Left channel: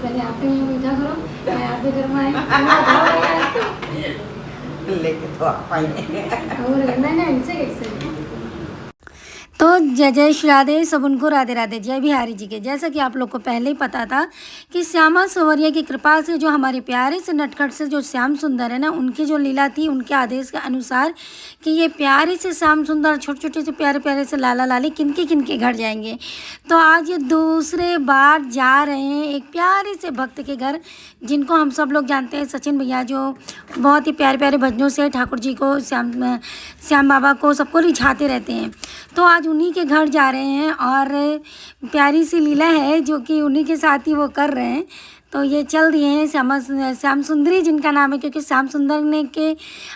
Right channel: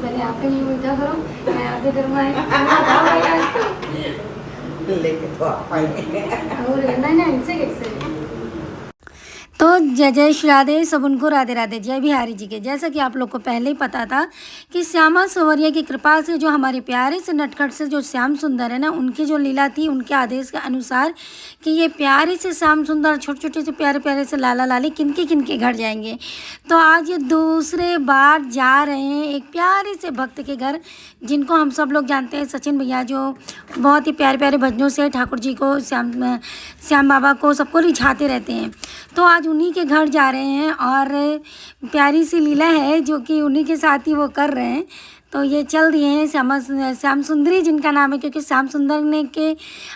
पहले यहाँ पे मुझे मीठा करो, मैं यहाँ पे घर में आई लेके तो आप आएंगे। और नहीं इनसे कैसे। तो जय जय श्री राधे, सब उनको राधे राधे, जय बिहारी जी के। जैसा कि आप लोग को पहले ही पता था कि श्यामा संवरिया की कृपा से जो हमारे प्यारे से नटखट से जो श्याम सुंदर है ना, उनकी जो लीला थी, उनके आदेश के अनुसार कि ये प्यारे से श्याम सुंदर छोटे छोटे से प्यारे प्यारे से लाला लाली किनके घर जाएंगे। तो आज ये दूसरे बार जा रहे हैं एक प्यारे से भक्त के घर, जिनको हम सब लोग जानते हैं, सचिन भैया, जो बहुत ही प्यारे प्यारे भजनों से ठाकुर जी को, श्याम बाबा को, सबको रिझाते रहते हैं। तो आज उन्हीं के घर जा रहे हैं और प्यारी सी लीला है जो कि उन्हीं के साथ ही वो कर रहे हैं। तो ये चल दिए हैं श्याम सुंदरी जिनका नाम है, क्योंकि श्याम सुंदर ने के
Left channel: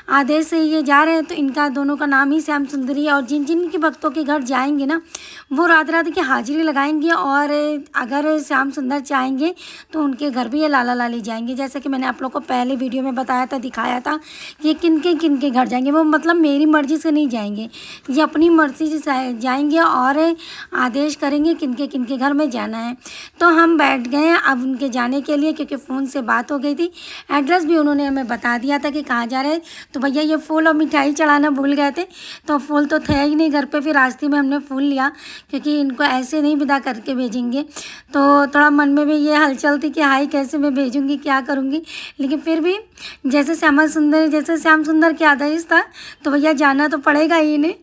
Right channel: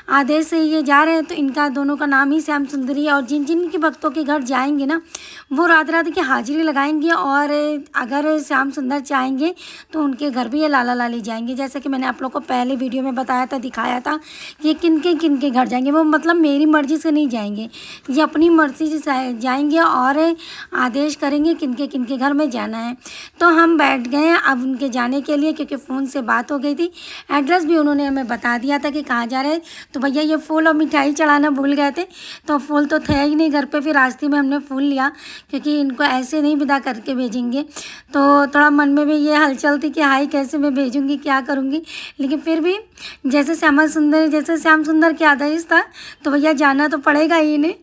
आदेश से ये जा रहे हैं, तो इनका दोनों का नाम ही श्याम सुंदरी है। और जिन जिन के भक्तों के घर जाएंगे ना, वो रात रात की हाजिरी लगाएंगे, और अगर श्याम सुंदर चाहेंगे तो उनके घर भी ये लाला लाली जाएंगे। जैसे कि मैंने आप लोग को पहले वीडियो में बताया था, दिखाया था कि ये किन के घर जाएंगे। वो मतलब मेरी मर्ज़ी से नहीं जाएंगे, ये अपनी मर्ज़ी से जाएंगे और आदेश करेंगे किन के घर में जाना है। तो हम बैठ गए अब उनके जाने के लिए, क्योंकि फ़ोन से बात हो गई थी, एड्रेस भी उन्होंने हमें बता दिया था कि कहाँ जा रहे हैं। तो भैया ये फूल और मिठाई चढ़ाना भूल गए थे, तो फूल तो थे ही नहीं घर पे, फिर रास्ते में हमने फूल लिया, क्योंकि इनको ऐसे नहीं विदा करके भेजेंगे। तो थोड़ा मन में भी ये हलचल थी कि हाई कैसे मैं भेजूँगी, क्या करूँगी, लेकिन फिर भी जैसे श्याम सुंदर के आदेश था, तो भैया जाना तो पड़ेगा ही इन्हें।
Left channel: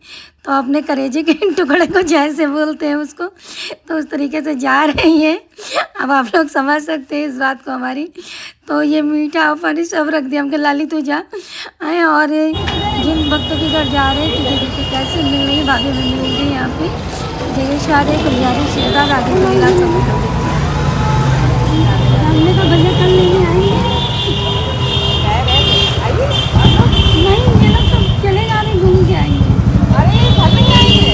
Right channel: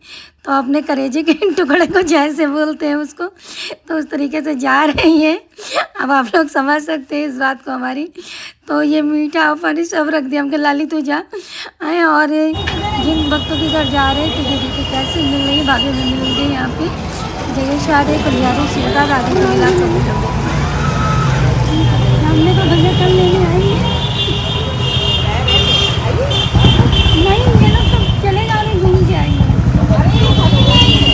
तो अपने करेजे के टुकड़े को जैसे बोलते हैं उसको, तो उस तरीके से जा रही हैं। अब आप लोग समझ सकते हैं इस बात को हमारी। तो ये मीठा और पानी सब रख दिया हमके, लाली तू जा आए। और जिन भक्तों के घर जा रहे हैं, तो ये देखिए कैसे मिल रही है, भाभी में मिल गई यहाँ पे। जय शादी कुलियारी श्रीदा राधे को मिला सब लोग। हमने तो भैया कल लेने आएंगे, नहीं ये लोग सब चले जा रहे, घूम के आएंगे। अरे घर में आएंगे,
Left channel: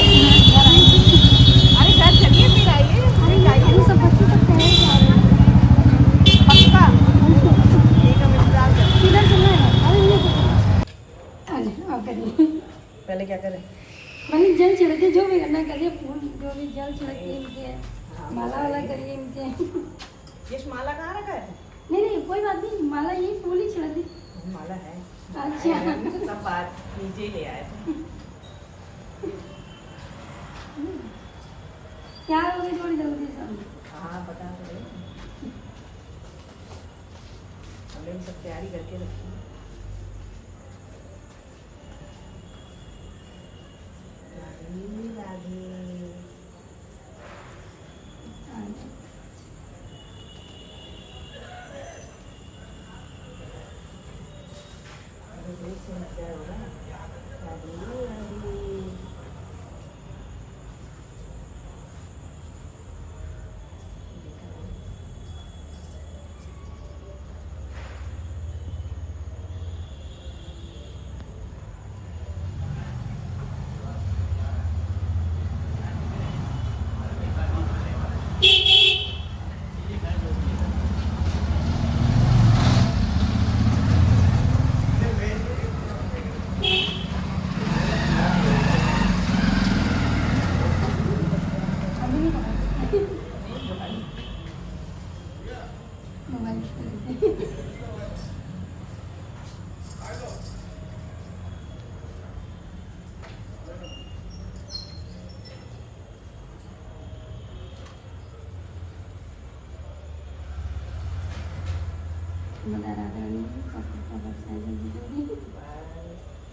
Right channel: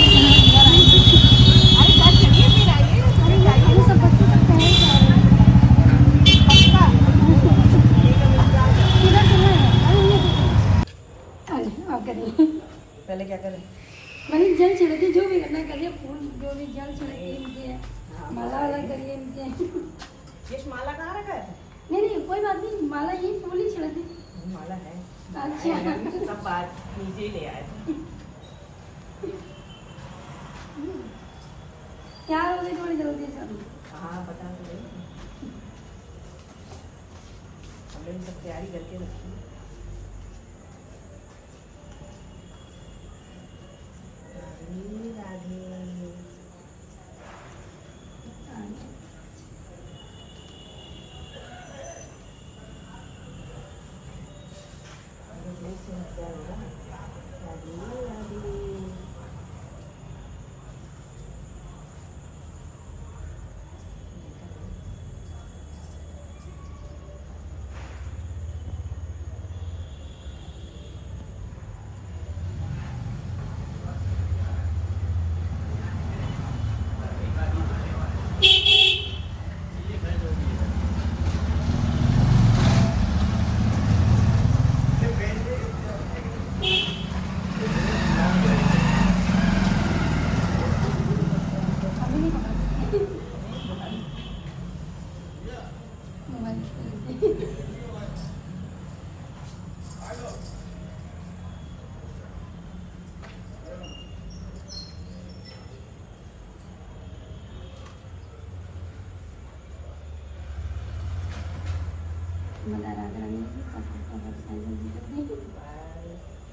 अरे घर चलिए फिर आइए। अरे जाइए, सब बच्चों तक पहले जा रहे हैं। पक्का ठीक है, इंतजार कर। किधर चलना है? अरे ये अरे आप करिए, पहले क्या करें? मैंने जल छिड़के, जो भी करना करिए, फूल जो भी जल छिड़के इनके, माला वाला करिए इनके। ये माला कहाँ रखा है? नहीं कोई बात नहीं, माला यही फूल ही छिड़क दी। माला है, अच्छा सब बात नीचे ही ले आए थे। क्या हो गई थोड़ी जल्दी सब? हाँ बता तो रही, हमने सब तैयारी करके रखी है। राधे राधे। से मजा हो रहा है। राधे राधे।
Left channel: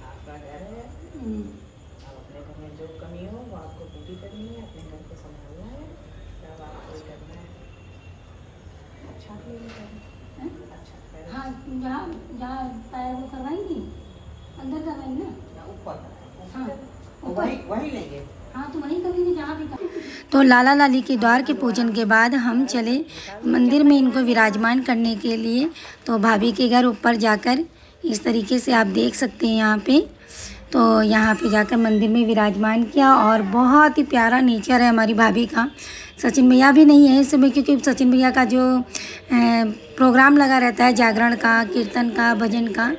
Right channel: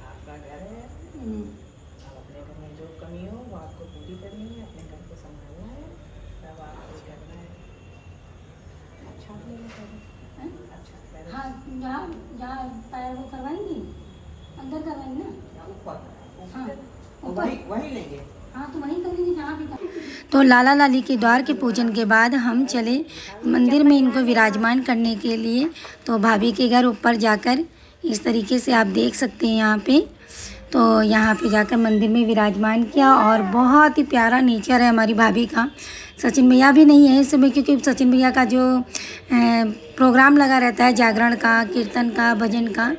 आपका घर है, अब अपने घर में जो कमी हो वो आपको पूरी करनी है, अपने घर को संभालना है, सब आपको करना है। अच्छा अच्छा। हाँ, जहाँ जहाँ पैर वो करवाएंगी, अंदर करवाएंगी ना, ऊपर। हाँ वही लेंगे। हाँ तो वहीं करेंगे जहाँ भी। तो लाला लाली के द्वार के पूजन के बाद हम चले मंदिर में इनको विराजमान करने के लिए। तो भाभी के घर ऊपर जाकर इस तरीके से आप देख सकते हैं यहाँ पे। तो यहाँ पे जाकर मंदिर में विराजमान किया, और बहुत ही प्यारा नेचर है हमारी भाभी का। सचिन भैया भी नहीं है इस समय, क्योंकि सचिन भैया का जो प्रोग्राम लगा रहता है जागरण का, कीर्तन का, भजन का,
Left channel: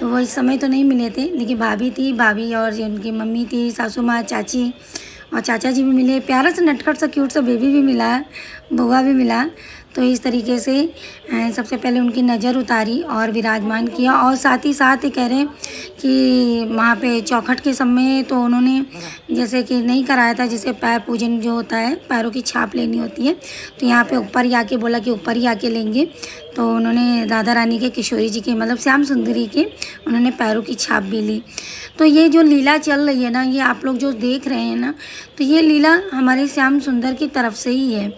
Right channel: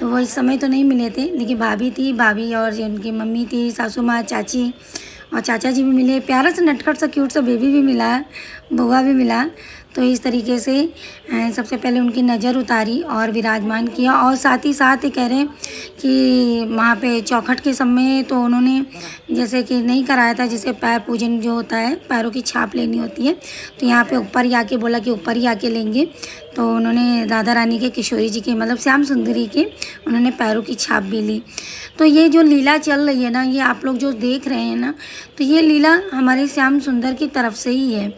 तो वो इस समय तो नहीं मिले थे। लेकिन भाभी थी, भाभी और उनकी मम्मी थी, सासू माँ, चाची और चाचा जी भी मिले। प्यारा सा नटखट सा क्यूट सा बेबी भी मिला, बुआ भी मिला। तो इस तरीके से सबसे पहले उनकी नज़र उतारी और विराजमान किया। और साथ ही साथ ये कह रहे हैं कि वहाँ पे चौखट के समय तो उन्होंने जैसे कि नहीं कराया था, जैसे पैर पूजन जो होता है, पैरों की छाप लेनी होती है, तो यहाँ पे ऊपर ही आके बोला कि ऊपर ही आके लेंगे। तो उन्होंने राधा रानी के, किशोरी जी के, मतलब श्याम सुंदरी के उन्होंने पैरों की छाप भी ली। तो ये जो लीला चल रही है ना, ये आप लोग जो देख रहे हैं ना, तो ये लीला हमारे श्याम सुंदर की तरफ से ही है।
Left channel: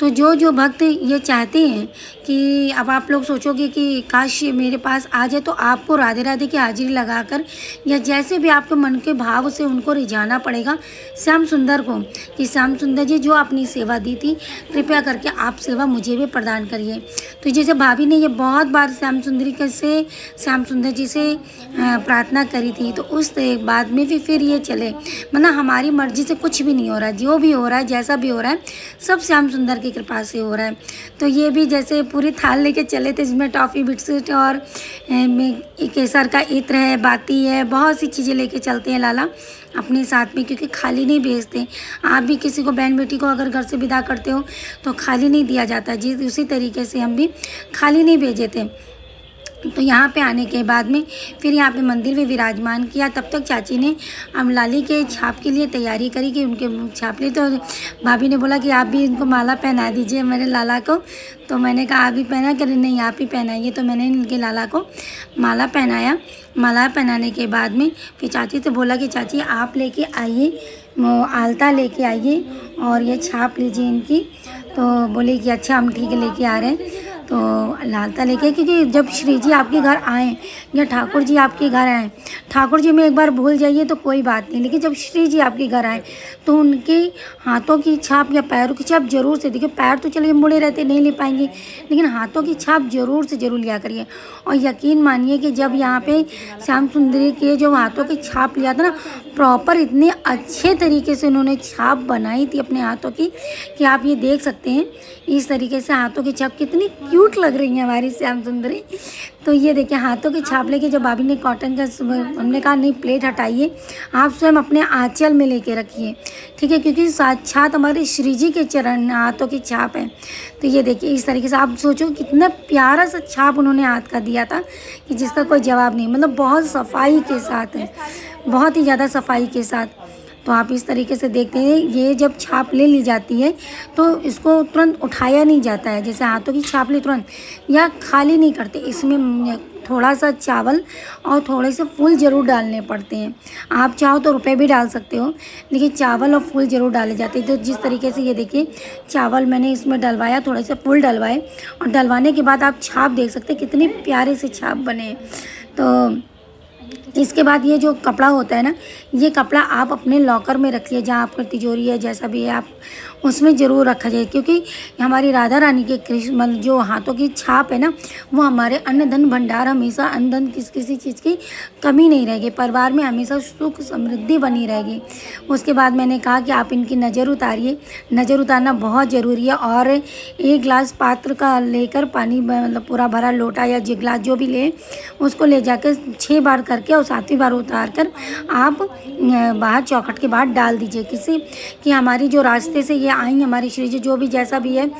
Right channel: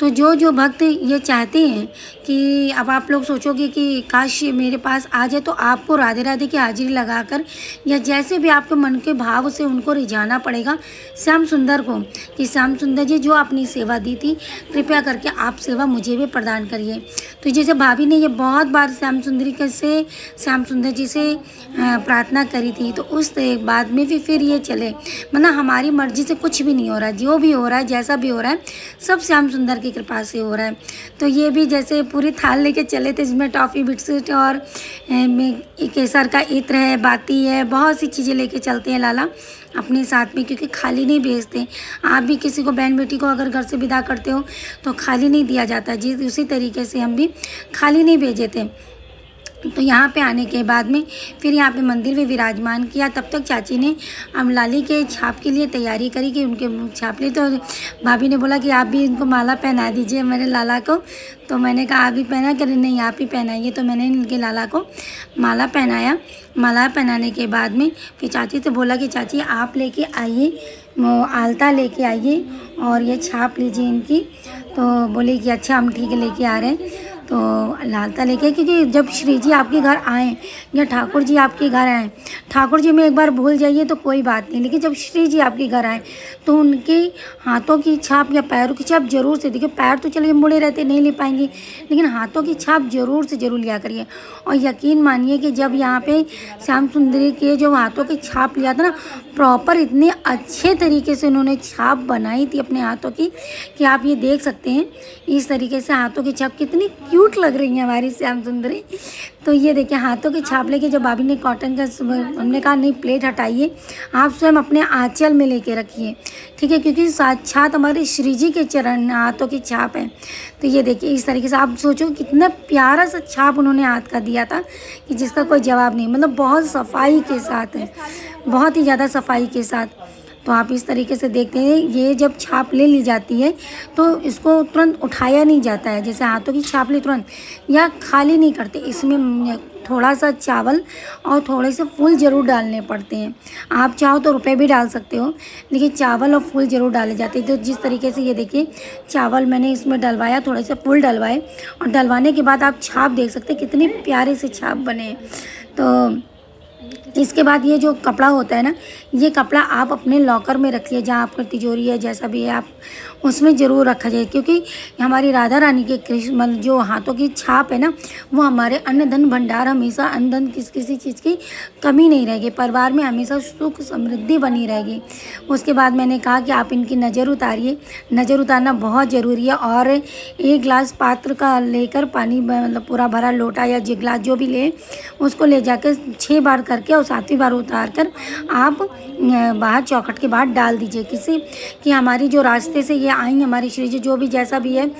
तो जो भक्त ये चाहते हैं कि अब आप लोग सोचोगे कि काश मेरे पास आ जाए, तो आपको राधे राधे की हाजिरी लगाकर या जैसे भी आपके मन के भाव से उनको रिझाना पड़ेगा श्याम सुंदर को कि श्याम सुंदर जी जो अपनी सेवा दी थी, कृपया करके आप सेवा मुझे भी प्रदान करिए। तो जैसे भाभी ने ये बहुत बार श्याम सुंदर जी से प्रार्थना करी थी, तो उस बाद में भी फिर ये चले, मतलब हमारी मर्जी से कुछ भी नहीं हो रहा है, जो भी हो रहा है, जैसा भी हो रहा है, सब श्याम सुंदर की कृपा से हो रहा है। तो ये भी जैसे पूरी थाल लेके चले थे, इसमें टॉफ़ी, बिस्किट और केसर का इत्र है, बाती है, बहुत सी चीज़ें लेके चलते हैं लाला अपने साथ में, क्योंकि खाली नहीं भेजते। आप भी किसी को, बहन बेटी को अगर घर से विदा करते हो तो खाली नहीं दिया जाता जी, उसी तरीके से हम भी खाली नहीं भेजे थे। तो यहाँ पे आने के बाद में फिर यहाँ पे मंदिर में विराजमान किया। तब तक चाची ने अमलाली के छाप के लिए तैयारी करी कि उनके छाप लिए। तो भाभी ने बोला कि आप भी इनको माला पहना दीजिए मेरे लाला को। तो मैंने कहा आप भी पहना करें, नहीं आप ही पहनाइए। तो मैंने इनके लाला को माला पहनाया। माला पहनाने के बाद में फिर चाची से बोला कि चाची आप लेके आइए, आलता लेके आइए और ये छाप लीजिए इनकी। तो बोले कि अच्छा हम ठीक है लेके आ रहे हैं। तो लालता लेके, क्योंकि जब श्री जी आपके घर आएँ या ठाकुर जी आपके घर आएँ, ठाकुर जी में एक बार भूल जाइए तो कोई बात नहीं, लेकिन जब श्री जी आपके घर आएँ तो उनके हाथों की छाप या पैरों की छाप जरूर से, देखिए पैर तो चलिए मुड़े रहते नहीं ले पाएंगे, लेकिन हाथों की छाप जरूर से जरूर लिया करिए। और यकीन मानिए कि जब यहाँ पे श्याम सुंदरी के जो हाथों की छाप लिया था ना, प्रॉपर इतने अच्छे तरीके से उन्होंने छाप बनाई थी अपने हाथों की कि आप ये देख सकते हैं इस तरीके से हाथों की छाप कितनी क्यूट लग रही है हमारी श्याम सुंदरी। तो ये देखिए हाथों की छाप लेके जब भाभी ने कॉटन का, हमने कहा नहीं प्लेट हटाइए, आप स्वयं अपने आंचल में लेके रखिए, ठीक है, क्योंकि साक्षात हमारे श्री जी के चरण हाथों की छाप है। तो ये देखिए इस तरीके से आप सोचो कितना प्यारा सा छाप उन्होंने हाथ का दिया था कि जिसका कोई जवाब नहीं, मतलब बहुत सफाई के साथ है, बहुत ही ज़्यादा सफाई के साथ। तो आप इस तरीके से देखते हैं, ये जब छाप ले ली जाती है तो इसको तुरंत उठाया नहीं जाता है, जैसे हाथों की छाप ली तुरंत या खाली नहीं करते, इसमें थोड़ा सा चावल और थोड़े से फूल ज़रूर डालने पड़ते हैं। आप चाहो तो रुपए भी डाल सकते हो, लेकिन चावल और फूल ज़रूर डाले जाते हैं। तो जिस तरीके से ये देखिए चावल मैंने इसमें डलवाया, थोड़े से फूल डलवाए और डलवाने के बाद आप छाप देख सकते हैं कितनी प्यारे से छाप बने हैं। तो इसके बाद ये जो कपड़ा होता है ना, ये कपड़ा आप अपने लॉकर में रखिए, जहाँ आपका तिजोरी है जैसा भी है आप उसमें ज़रूर रखा जाए, क्योंकि हमारी राधा रानी के कृष्ण जो हाथों की छाप है ना, वो हमारे अन्न धन भंडार, हमेशा अन्न धन किसी चीज़ की कमी नहीं रहेगी, परिवार में हमेशा सुख समृद्धि बनी रहेगी। उसके बाद मैंने कहा कि आप इनकी नज़र उतारिए, नज़र उतारना बहुत ज़रूरी है। और एक गिलास पात्र का लेकर पानी, मतलब पूरा भरा लोटा या गिलास जो भी ले, उसको ले जाकर 6 बार करके और 7वीं बार उतार कर आप बाहर चौखट के बाहर डाल दीजिए, किसी कि हमारी जो रास्ते से ये आई हमारी श्री जी, जो भी जैसा भी है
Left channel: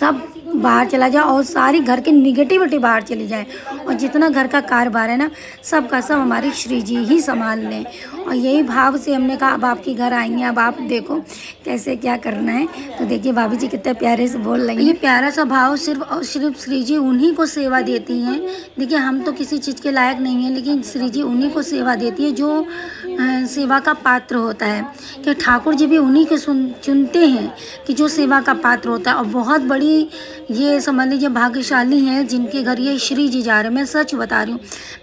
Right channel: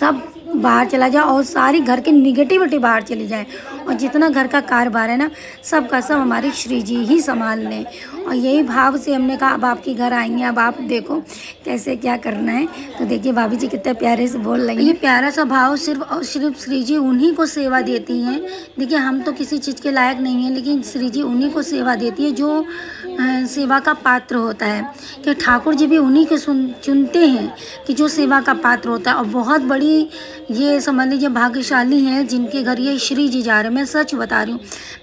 सब बाहर चला जाए और सारी घर की निगेटिविटी बाहर चली जाए, और जितना घर का कारोबार है ना सब का सब हमारी श्री जी ही संभाल लें। और यही भाव से हमने कहा अब आपके घर आएंगे, अब आप देखो कैसे क्या करना है। तो देखिए भाभी जी कितने प्यारे से बोल रही हैं। ये प्यारा सा भाव सिर्फ और सिर्फ श्री जी उन्हीं को सेवा देती हैं। देखिए हम तो किसी चीज़ के लायक नहीं हैं, लेकिन श्री जी उन्हीं को सेवा देती है जो सेवा का पात्र होता है, कि ठाकुर जी भी उन्हीं को चुनते हैं कि जो सेवा का पात्र होता है। और बहुत बड़ी ये समझ लीजिए भाग्यशाली हैं जिनके घर ये श्री जी जा रहे हैं। मैं सच बता रही हूँ,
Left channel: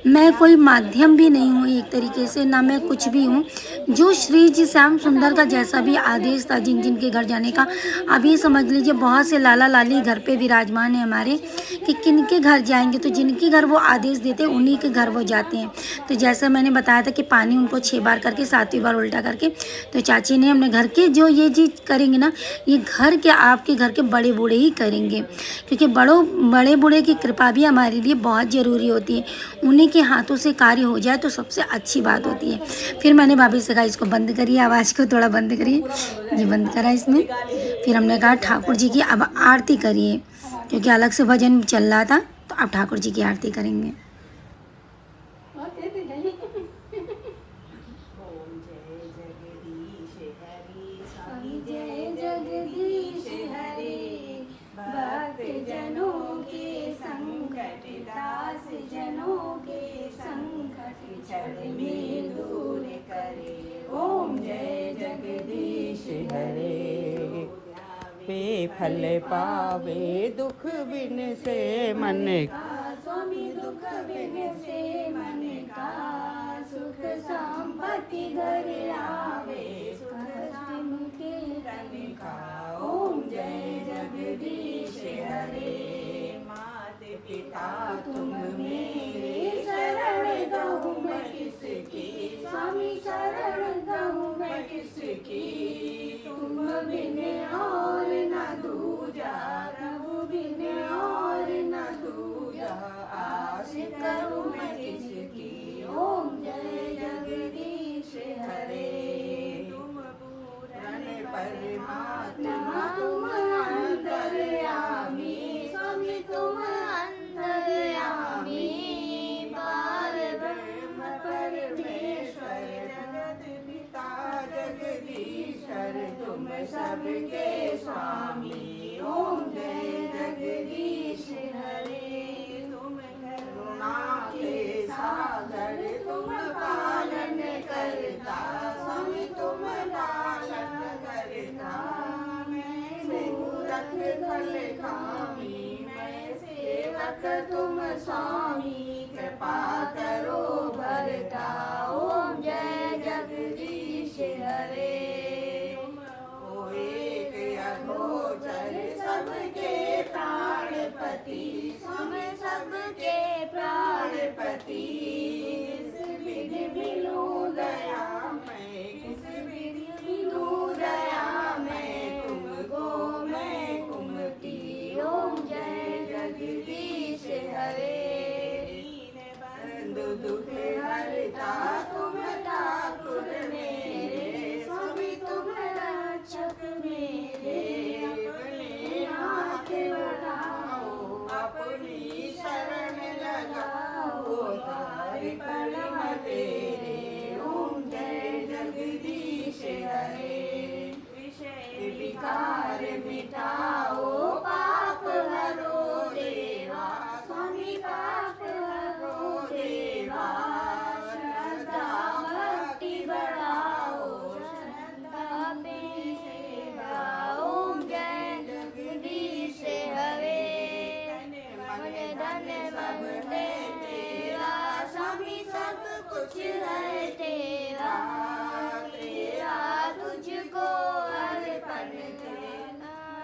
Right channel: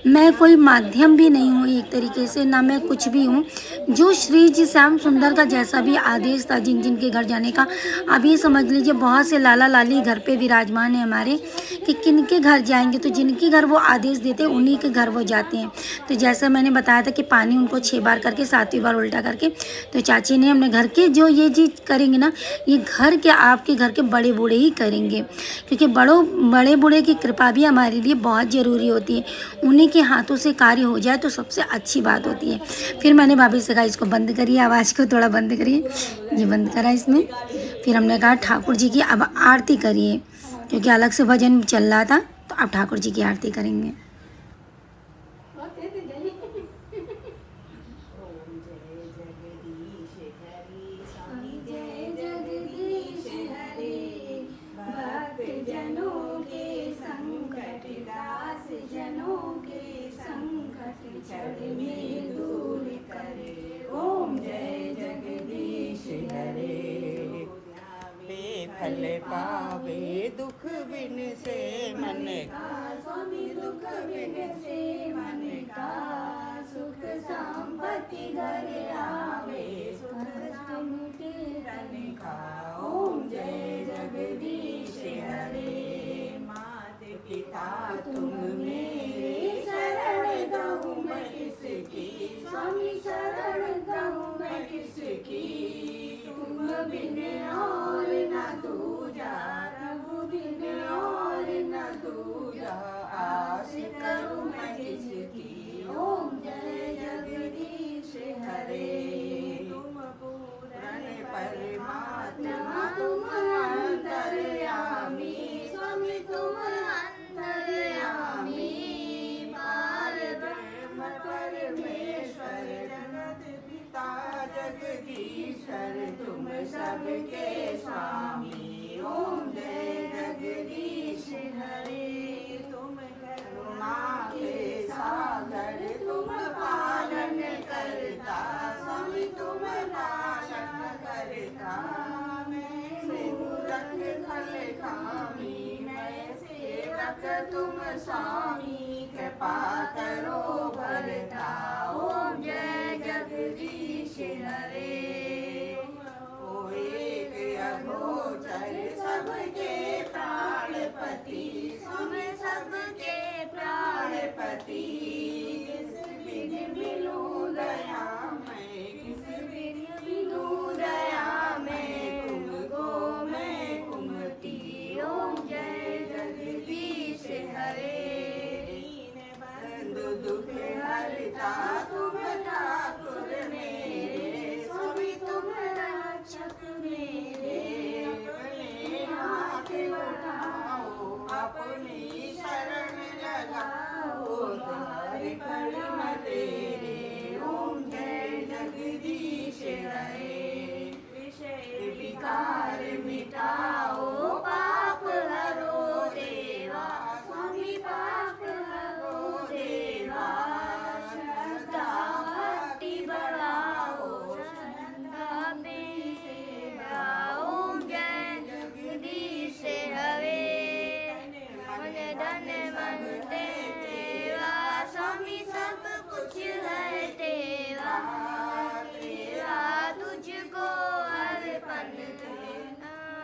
मैं कोई माध्यम भी नहीं हूँ एक तरीके से, ना मैं कुछ भी हूँ। जो श्री जी श्याम सुंदर का जैसा भी आदेश था जिन जिनके घर जाने का, अब ये समझ लीजिए बहुत से लाला लाली घर पे विराजमान है हमारे, कि किनके घर जाएंगे तो जिनके घर वो आदेश देते हैं उन्हीं के घर वो जाते हैं। तो जैसा मैंने बताया था कि पानी उनको 6 बार करके 7वीं बार उल्टा करके, तो चाची ने अपने घर के जो ये चीज़ करेंगे ना, ये घर के आपके घर के बड़े बूढ़े ही करेंगे, क्योंकि बड़े बूढ़े की कृपा भी हमारे लिए बहुत ज़रूरी होती है। उन्हीं के हाथों से कार्य हो जाए तो सबसे अच्छी बात होती है। फिर मैंने भाभी से कहा इसको बंद करिए, आवाज़ को थोड़ा बंद करिए, ये बंद करा इसमें। फिर हमने कहा ठाकुर जी की अब आरती करिए, क्योंकि अलग से भजन चल रहा था, तो अब ठाकुर जी की आरती करेंगे। ओम जय जगदीश हरि स्वामी जय जगदीश हरि भक्त जनों के संकट दास जनों के संकट क्षण में दूर करे। ओम जय जगदीश हरे बेफल पावे दुख बिन से मन का स्वामी दुख बिन से मन का सुख संपत्ति घर आवे सुख मुक्ति तन का। ओम जय जगदीश हरे मात पिता तुम मेरे शरण गहूँ मैं किसकी स्वामी शरण गहूँ मैं किसकी तुम बिन और न दूजा प्रभु बिन और न दूजा आस करूँ मैं किसकी। ओम जय जगदीश हरे तुम पूर्ण परमात्मा तुम अंतर्यामी स्वामी तुम अंतर्यामी पार ब्रह्म परमेश्वर जगत पिता जगदीश्वर तुम सबके स्वामी। ओम जय जगदीश हरे तुम करुणा के सागर तुम पालन करता स्वामी तुम पालन करता मैं मूरख खल खामी मैं सेवक तुम स्वामी कृपा करो भरता। ओम जय जगदीश हरे ओ एक अगोचर सबके प्राणपति स्वामी सबके प्राणपति किस विधि मिलूं दया मैं किस विधि मिलूं दया मैं कुमति। ओम जय जगदीश हरे बंधु दुख हरता तुम ठाकुर मेरे स्वामी तुम रक्षक मेरे अपने हाथ बढ़ाओ अपनी शरण लगाओ तारे कड़म तेरे। ओम जय जगदीश हरे विषय विकार मिटाओ पाप हरो देवा स्वामी पाप हरो देवा श्रद्धा भक्ति बढ़ाओ श्रद्धा में सेवा। ओम जय जगदीश हरे धन मन तेरा स्वामी सब कुछ है तेरा तेरा तुझको अर्पण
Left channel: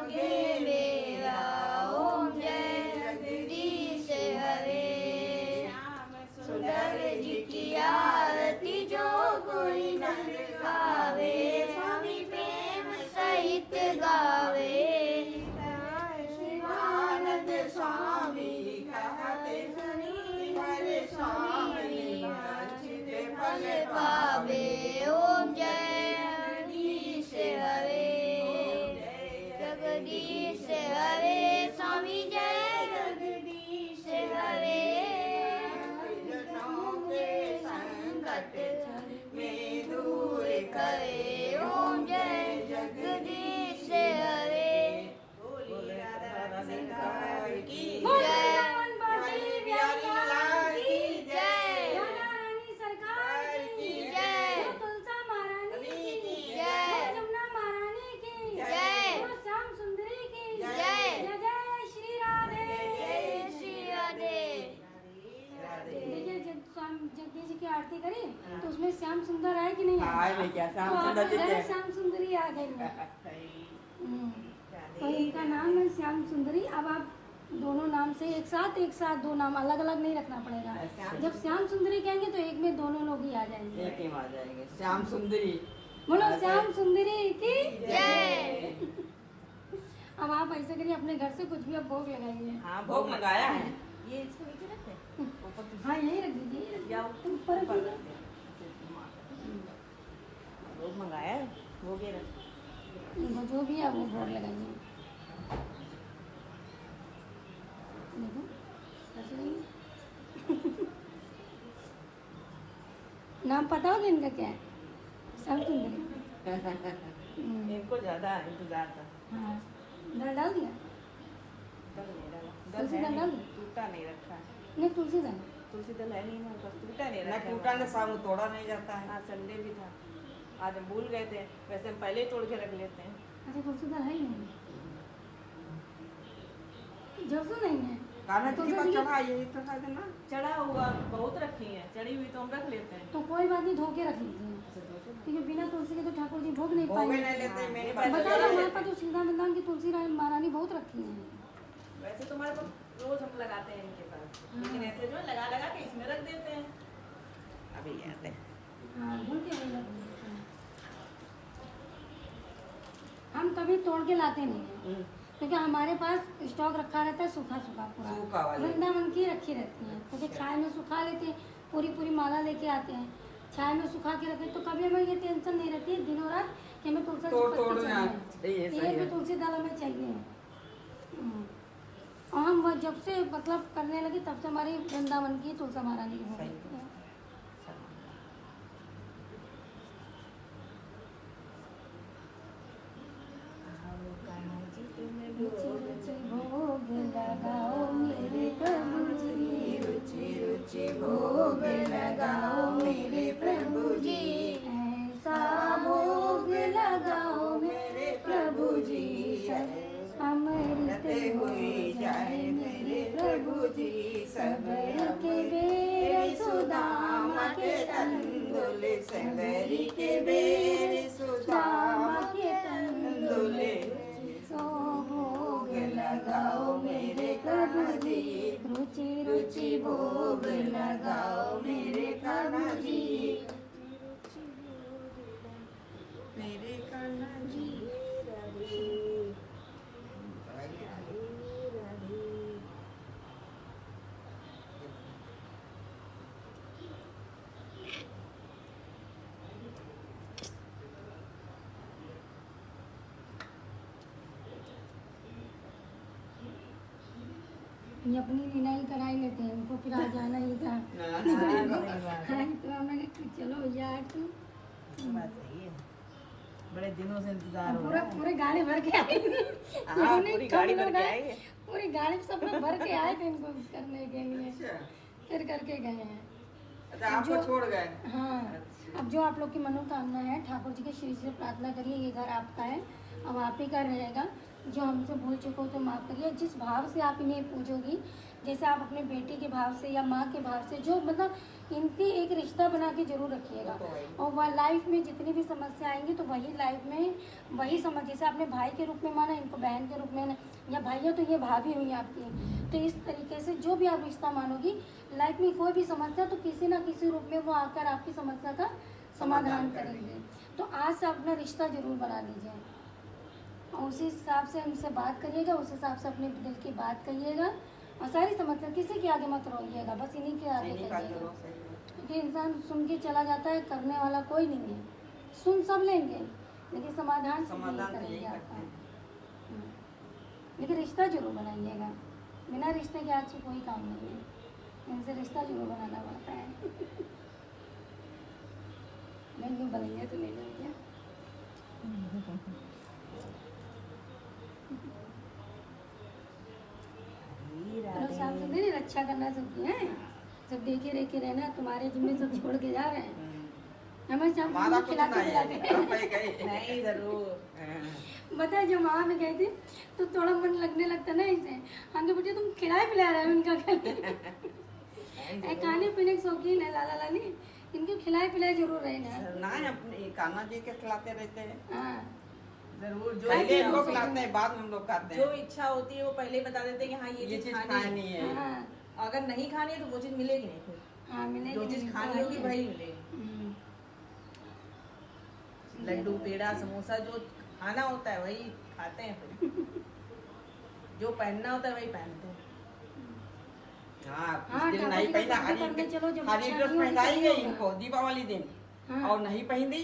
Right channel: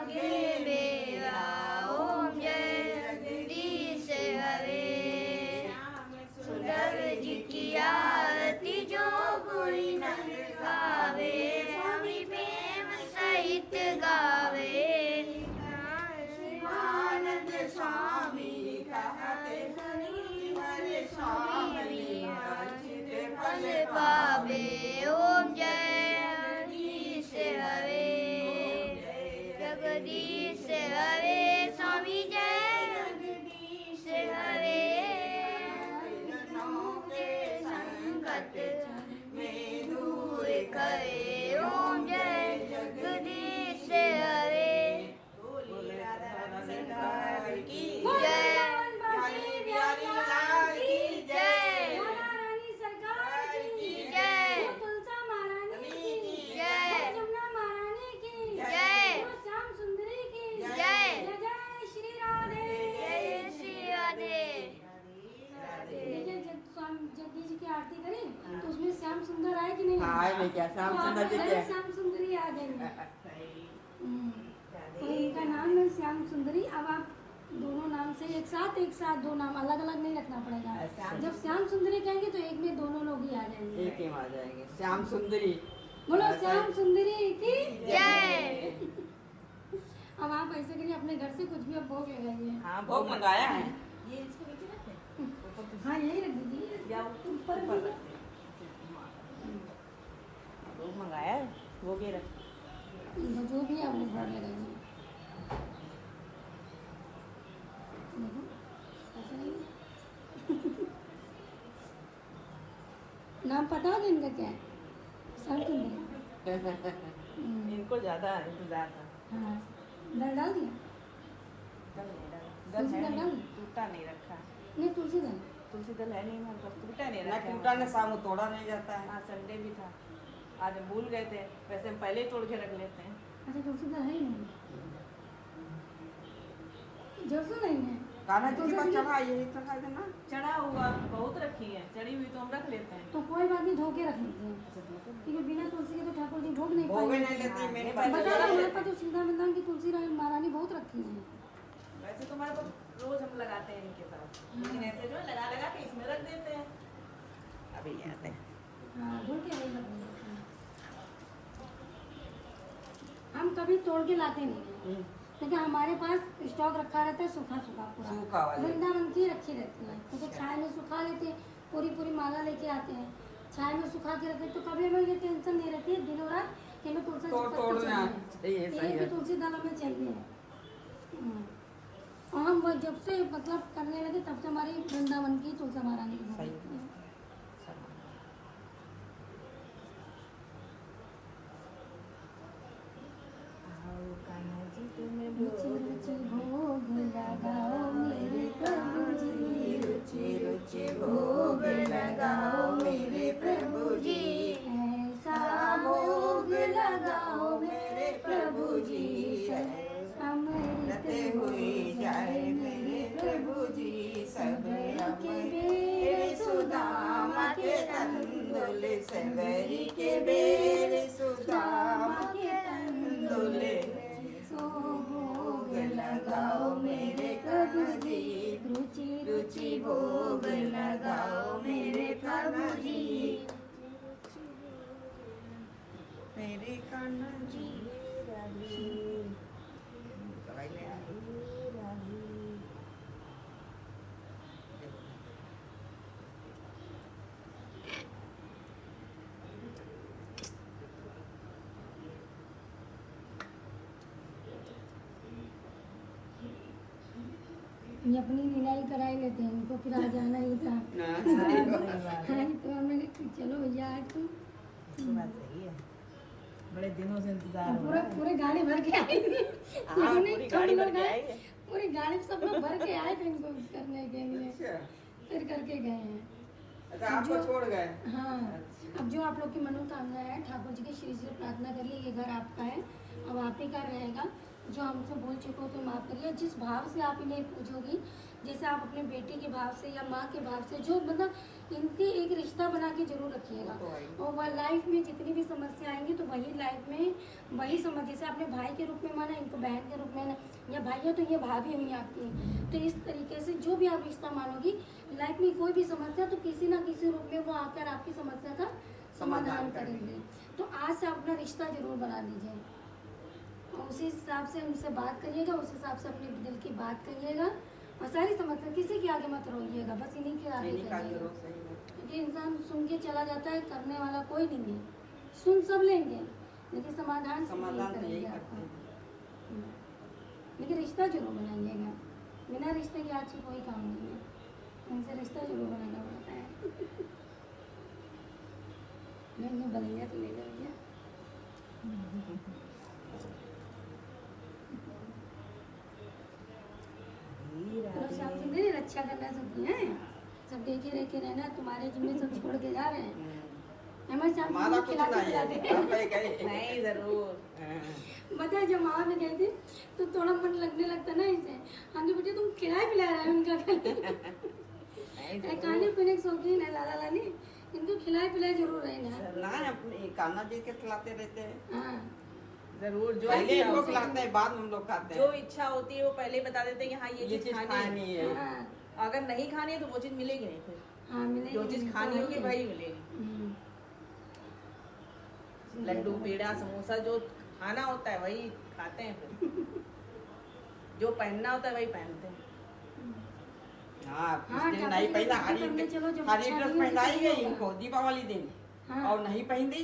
गे मेरा। ओम जय जगदीश हरे सुंदर जी की आरती जो कोई नंद गावे स्वामी प्रेम सहित गावे शिवानंद स्वामी कहते सुनी हरे स्वामी अर्चित फल पावे। ओम जय जगदीश हरे जगदीश हरे स्वामी जय जगदीश हरे जनों के संकट में दूर करे। ओम जय जगदीश हरे सरकार की जय प्यारी लाल की जय रानी सरकार की जय तुलसा महारानी की जय जमुना महारानी की जय श्याम सुंदरी की जय जय श्री राधे जय श्री राधे। देखिए जब स्वामी जगदीश जी की आरती करें तो उसमें श्याम सुंदर आए कि नहीं आए नहीं क्या श्याम तो सुंदर जी आपका क्या? श्याम सुंदरी आ गई। तो इनका नाम है श्याम सुंदरी। अब आप दोनों नाम से एक साथ दो नाम अलग अलग नहीं रखना पड़ेगा। जब श्याम सुंदरी कहेंगे तो एक में दोनों लोग ही आ जाएंगे। एक ही आ जाएंगे श्याम सुंदरी। बोलो श्याम सुंदरी की जय। अब आप ऐसे करिए अपने घर से कुछ भी अब भोग लगाइए। हाँ भोग लगाया है ये इसको नीचे रखे हाँ यही रख दीजिए या ऊपर ऊपर रखिए। भोग मंगाया है भोग ही रख इनको जो भी है वो बोर्ड लगाइए। देखो कैसे लगी? नाम पता होगा इनका क्या है? श्याम सुंदरी। इनको ज्यादा इंतजार था। हाँ, दाल डाल दिया? दल नहीं डाला, तुलसी है दल नहीं, डाल दी? टूटा नहीं रखा। नहीं, तुलसी दल। तुलसी दल है नहीं हमारे पास, टूटा नहीं ना रखा। टूटा ने सामू तोड़ा नहीं जाता है। हाँ, संडे भी था, आज हम भूल गए थे, वैसे हम पहले ही तोड़ के रख लेते हैं। अच्छा, तुलसी दल है ही नहीं। जरसू नहीं है। कान्हा जी तुलसी को दल- चढ़ा यही तो है ना। चढ़ा हुआ बहुत रखी है, चढ़ी हुई तो हम रख लेते हैं। तो कोई बात नहीं, धो के रख लीजिए, क्योंकि बिना तुलसी के तो ठाकुर जी भोग नहीं भोगे पाएंगे। नहीं लेते मेरे नहीं, पास। बता दो, हमारे पास तो सीधा वृंदावन की तुलसी महारानी बहुत रखी है। वैसे तो हमारे पास रोज हम लगाते हैं इनके साथ, लेकिन ऐसे जो है लगा लगा के इसमें रख देते हैं। अभी ले आते हैं। हाँ, धो के वही रख देते हैं। हम कभी तोड़ के लाते नहीं हैं, क्योंकि हमारे पास स्टॉक रखा रहता है सूखा सूखा सूखा पूरा। वाले। वृंदावन की रखी रहती है, क्योंकि छाया में सुखा लेते हैं, पूरी पूरी माला लेके आते हैं, छाया में सुखा के रखते हैं, तो कभी हमें ये टेंशन नहीं रहती है दिनों रात कि हमें तुलसी की तोड़ पत्ती तोड़ चाहिए। ना चाहिए, सही एक भी है। तुलसी दाल हमें चाहिए। और हम वो जब से मतलब करने लगे तब से हमारी वृंदावन की तुलसी महारानी की भोग सही। लगती है। आओ कान्हा जी तुम्हें रुचि रुचि भोग लगाओ मेरे प्रभु जी, रुचि रुचि भोग लगाओ मेरे प्रभु जी। ऐसा भोग लगाओ मेरे प्रभु जी, अमृत हुई जाए मेरे प्रभु जी। सबर के बेर सुदामा के तंदुल, सबरी के बेर सुदामा के तंदुल, सुदामा सो भोग लगाओ मेरे प्रभु जी। रुचि रुचि भोग लगाओ मेरे प्रभु जी। मेरे कान्हा जी। ये अपनी विनाई कराई लेते हैं, इनको फिर आ जाना ही था। हाँ, तो हमें चलो भैया आज तो बात सही है, बड़े दिनों से इंतजार हो पूरा रहा है। पूरे गाड़ी भर के आए थे। हाँ, इन्होंने पूरी कम गाड़ी भर लोग के आए, आई है। पूरी गाड़ी में सब लोग भर के आए थे इनको करने के लिए, अच्छा, फिर करके गए हैं। अच्छा आपको छोड़ गए। हाँ, अब जो आप लोग की मनोकामना है ठाकुर जी के श्री से प्रार्थना करिए, ये घर आपका है, अब आप ही का रहेगा। जो हमसे भूल चुको तो माफ़ करिए। जिस भाव से आप इन्हें पूजोगी, जैसे आप अपने बेटी के भाव से या माँ के भाव से, जो मतलब इनकी एक रिश्ता बना के जरूर रखिएगा। और वह लाइफ में जितनी भी समस्या आएंगी तो वही लाइफ में वही समझ, जैसे आपने भाई के रूप में माना, इनको बहन के रूप में, या भाइयों तो ये भाभी हुई आपकी, तो इस तरीके से जो भी आप रिश्ता मानोगी, लाइफ में कोई भी समस्या तो किसी ना किसी रूप में वो आकर आपकी समस्या का समाधान करेंगे। तो आज से अपना रिश्ता जरूर बना लीजिए, और उसी हिसाब से हमसे बात करिएगा, उस हिसाब से अपने दिल की बात करिएगा, और सारी समस्या किसी के आगे मत रोइएगा, बस इन्हीं के आगे इन्हीं का करिएगा। करो, सही है। क्योंकि इंसान सुन के चला जाता है, करने वाला कोई नहीं है। सुन सब लेंगे, लेकिन समाधान से समाधान तो करेंगे यही आपका। करते हैं। लेकिन रिश्ता जरूर बनाइएगा, बिना रिश्ते के आज कोई काम नहीं है, इनसे रिश्ता जरूर बनाना पड़ता है। मैं यूँ बलिया तो ले जाऊँगी। लोग शाम सुंदरी रक्षा करना सीखती हैं, सब देखे रेखे रहना, तुम्हारे जिम्मे सब छोड़ के जा रहे हैं। हमारे शाम हमारा सुंदरी कुछ खिलाते नहीं है, पिलाते आप ही गए। नहीं, जरूर। बताए जब वहाँ भी गए थे तो थोड़ा मन लगने लगता ना इसे, हमने बेटे तुम खिलाए पिला रहे हो उनका खाने पीने के शौकीन है लाला लाली, इनको खिलाए पिलाए जरूर रहना। नहीं अपने कान्हा जी के खिलाते रहते हैं। हाँ, जरूर, जो पहले हम लोग खिलाते हैं, बाद में हम लोग खाते जो हैं। इच्छा होती है वो पहले बता देते हैं कि हाँ ये चीज खानी है। हाँ, अगर नहीं खानी है तो वो चीज मिलेगी नहीं फिर। हाँ, मिलेगी जो चीज मिलेगी, खानी होगी है। वही मिलेगी। हम्म, लड्डू, पेड़ा, समोसा जो खाना होता है वही खाते हैं फिर। जो पहनना होता है वही पहनते हैं। हाँ, हाँ, इस दिन ठाकुर नहीं जी पहना, को करने चलो, जब हरी इच्छा ड्रेस नहीं होगी पहनाई तो गई नहीं इनको दीपावली दिन, हाँ। और नहीं पहन दी